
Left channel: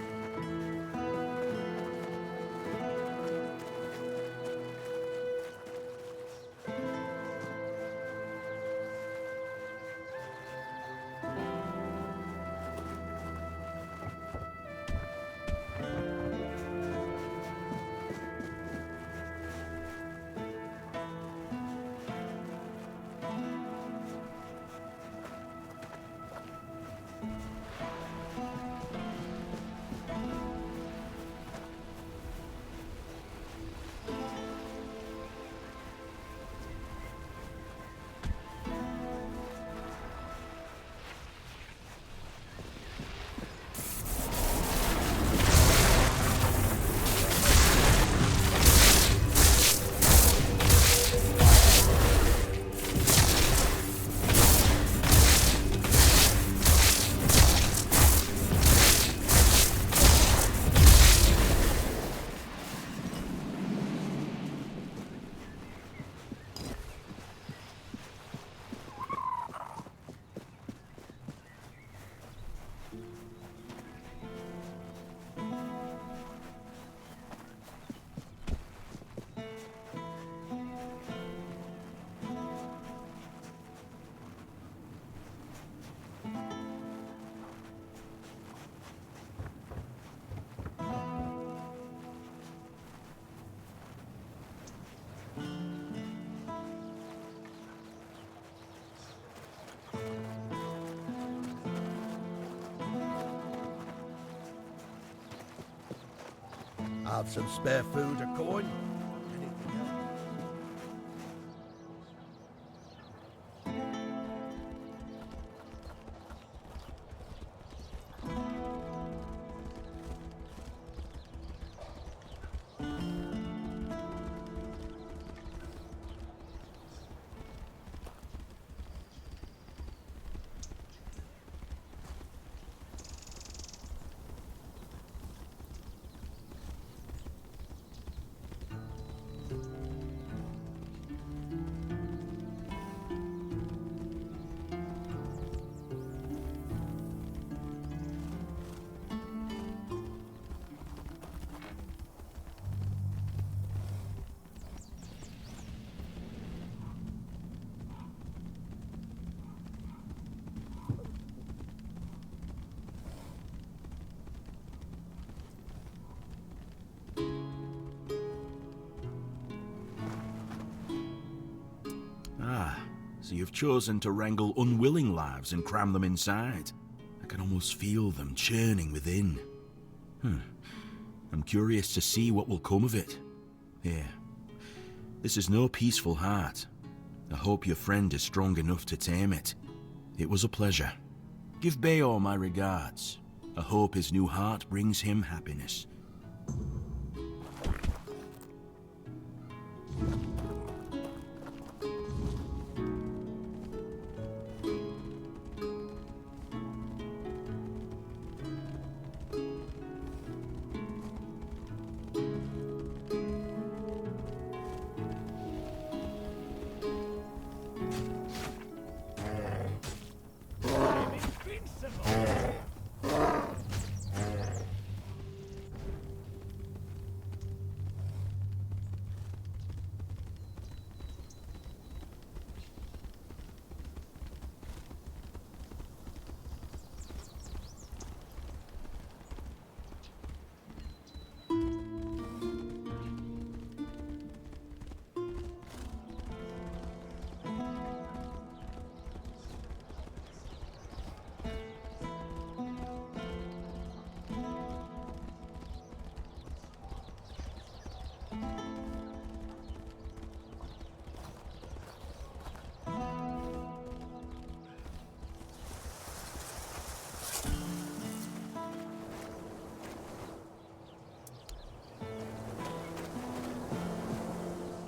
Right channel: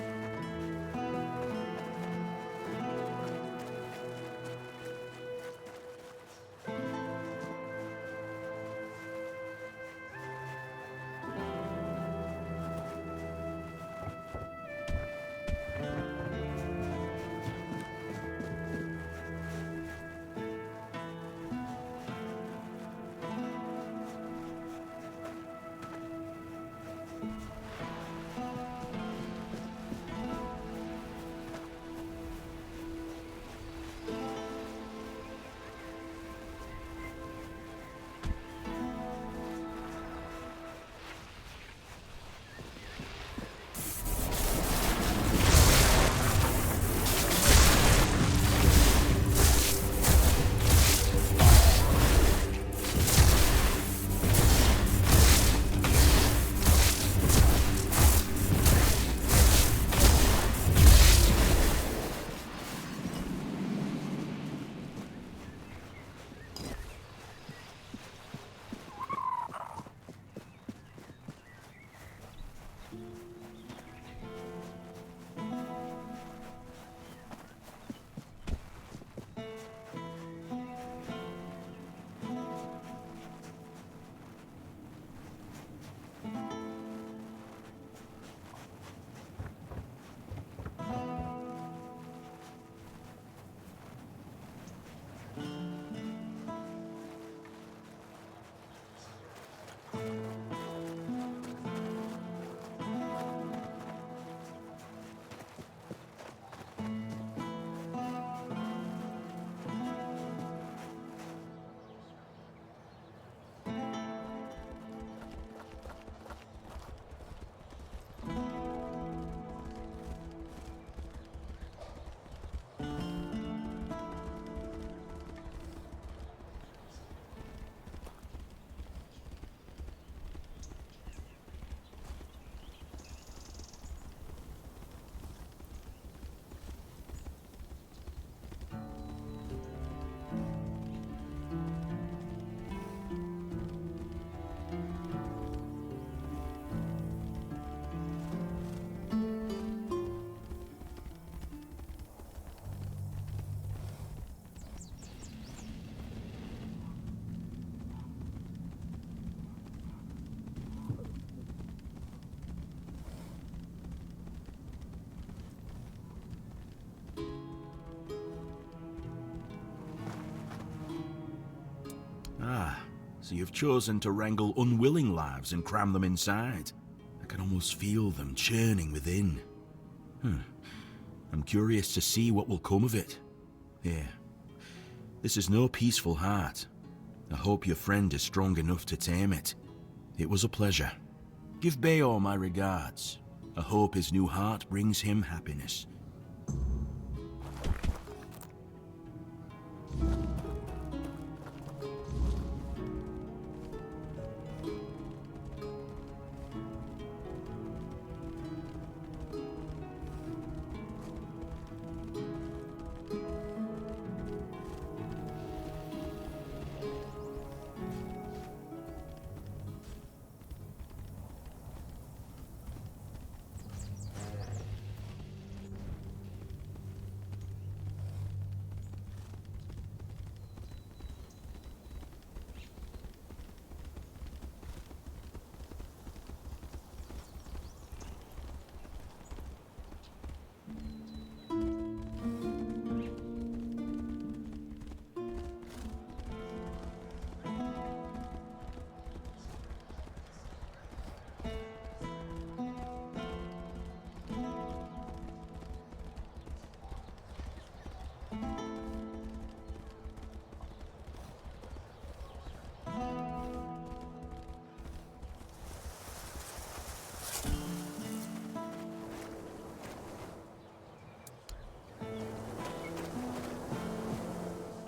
Have some spare food or coin? Ah, so you've chosen to wrangle unwilling lives and cram them inside. I can almost feel them churning within. I'm curious to see what will come of it. Here, this is no peaceful heart. I hope your friend is strong enough to tame it. It was a pleasure. Give Bayor my regards. I hope his new heart brings him happiness.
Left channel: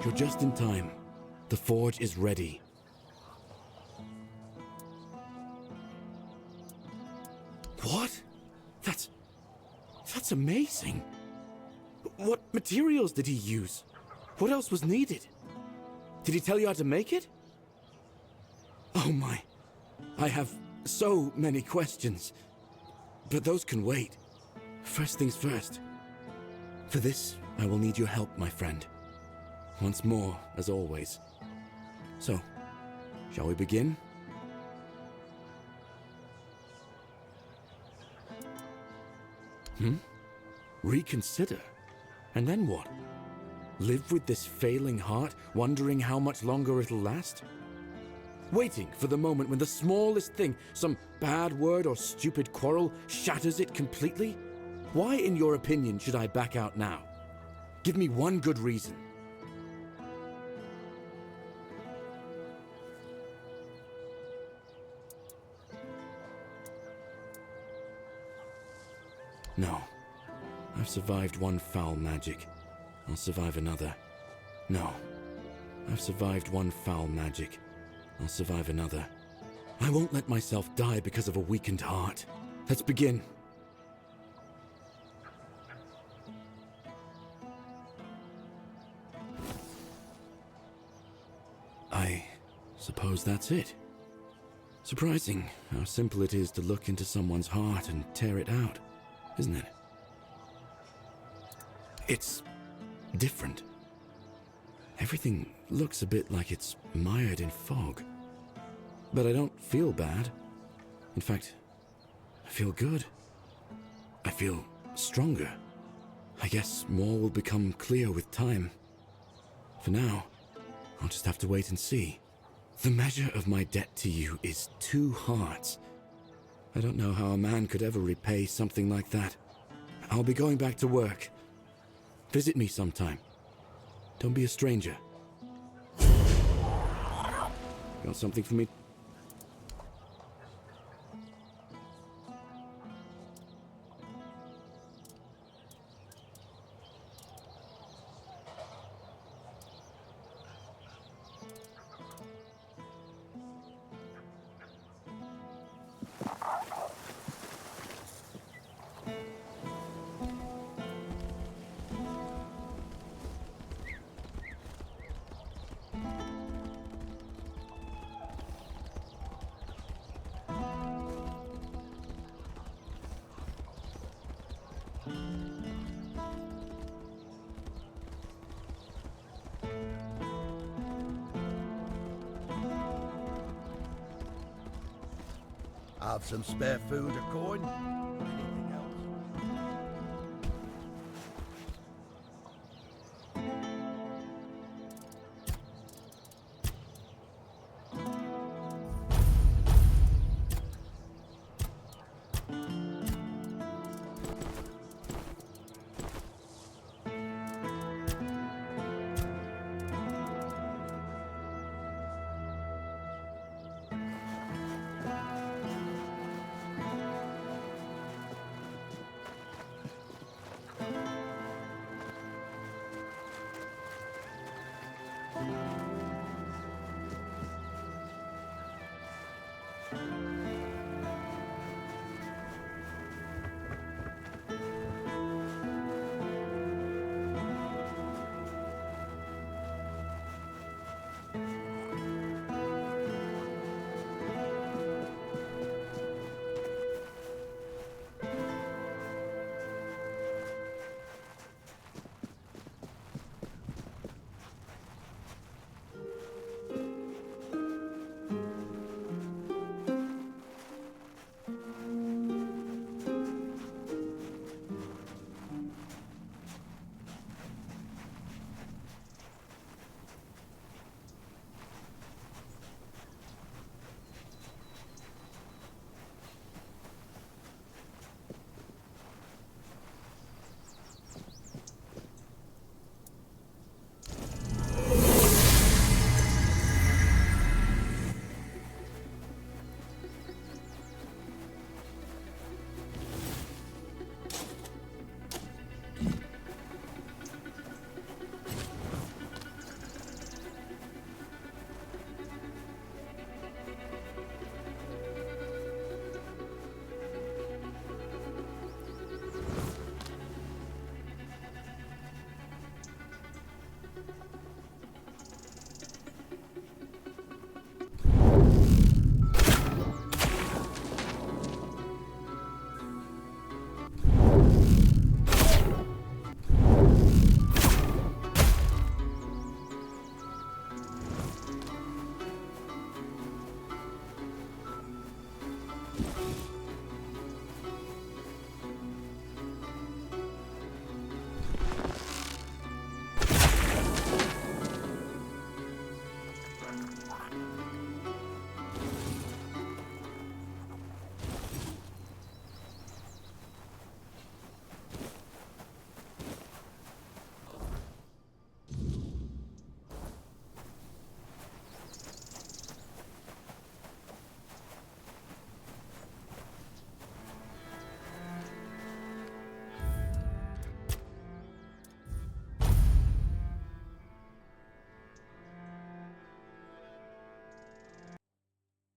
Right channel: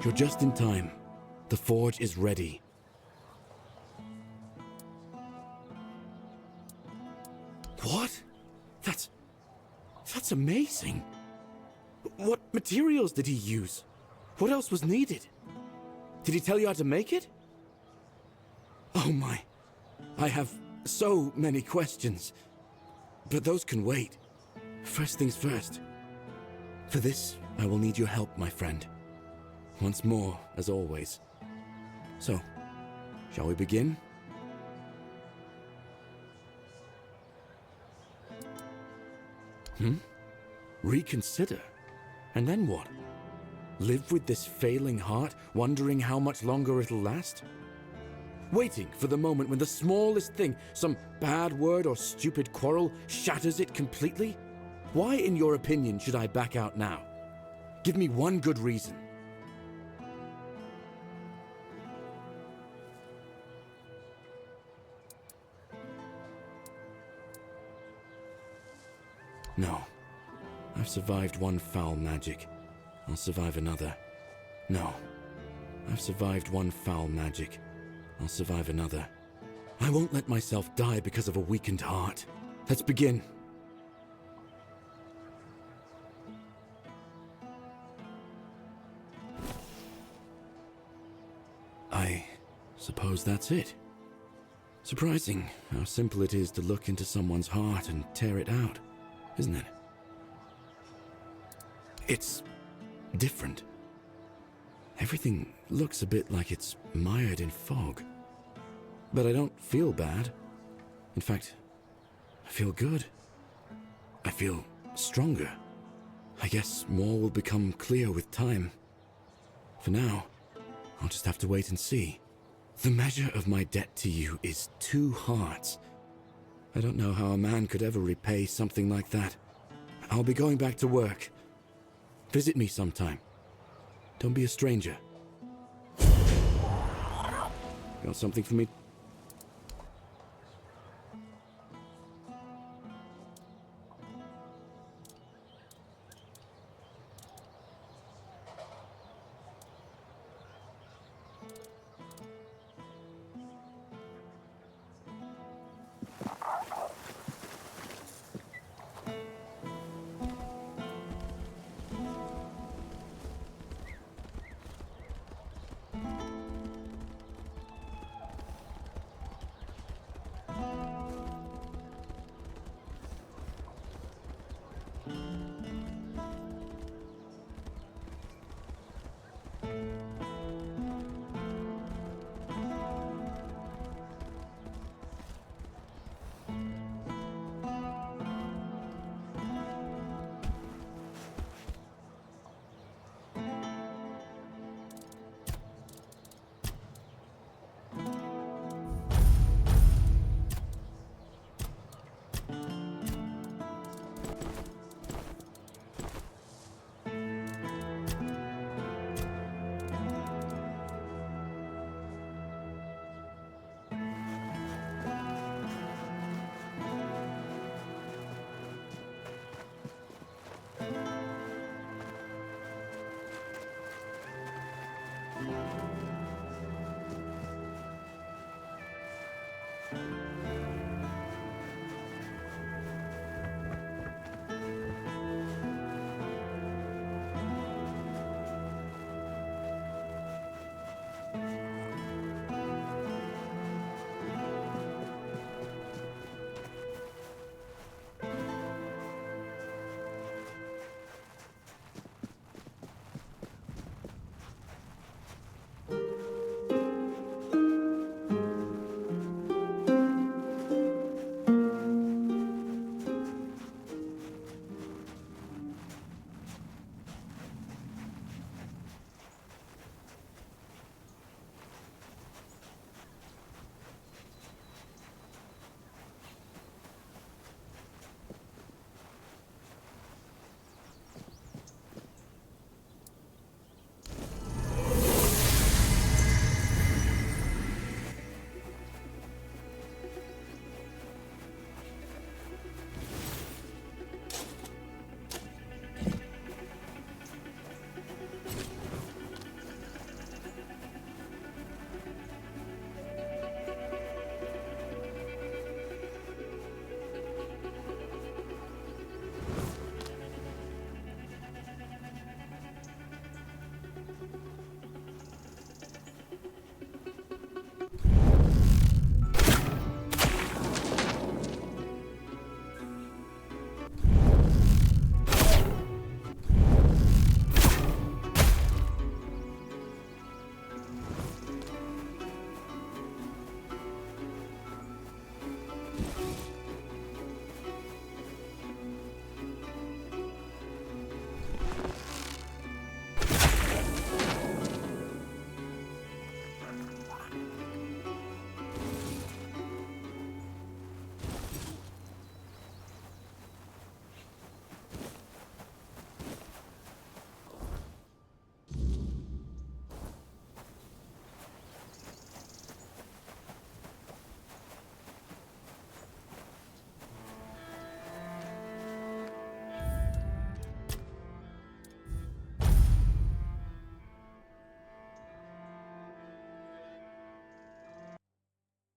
You're just in time. The forge is ready. What? That's amazing. What materials did he use? What else was needed? Did he tell you how to make it? Oh my. I have so many questions. but those can wait. First things first. For this, I will need your help, my friend. Once more, as always. So, shall we begin? Reconsider? And then what? Live with this failing heart, wondering how much longer it'll last? Waiting for the moment when the smallest thing, some bad word or stupid quarrel, shatters it completely? Why, in your opinion, should I back out now? Give me one good reason. No. I've survived one foul magic. I'll survive another. No. I've survived one foul magic. I'll survive another. I won't let myself die because of a weakened heart. Let's begin. I suppose that's it. Surprising how simple it is to look into someone's heart and tear it out, isn't it? It's different. Everything looks a bit like it's mired in fog. But I don't feel bad. In fact, I feel good. I feel stronger. I guess more will become clear with time. For now, I'll just have to wait and see. The measure of my debt to you is 2 hearts. I don't know how a man could ever repay something like that. I'll be going back to work. Visit me sometime. Don't be a stranger. Got something for me? Have some spare food or coin?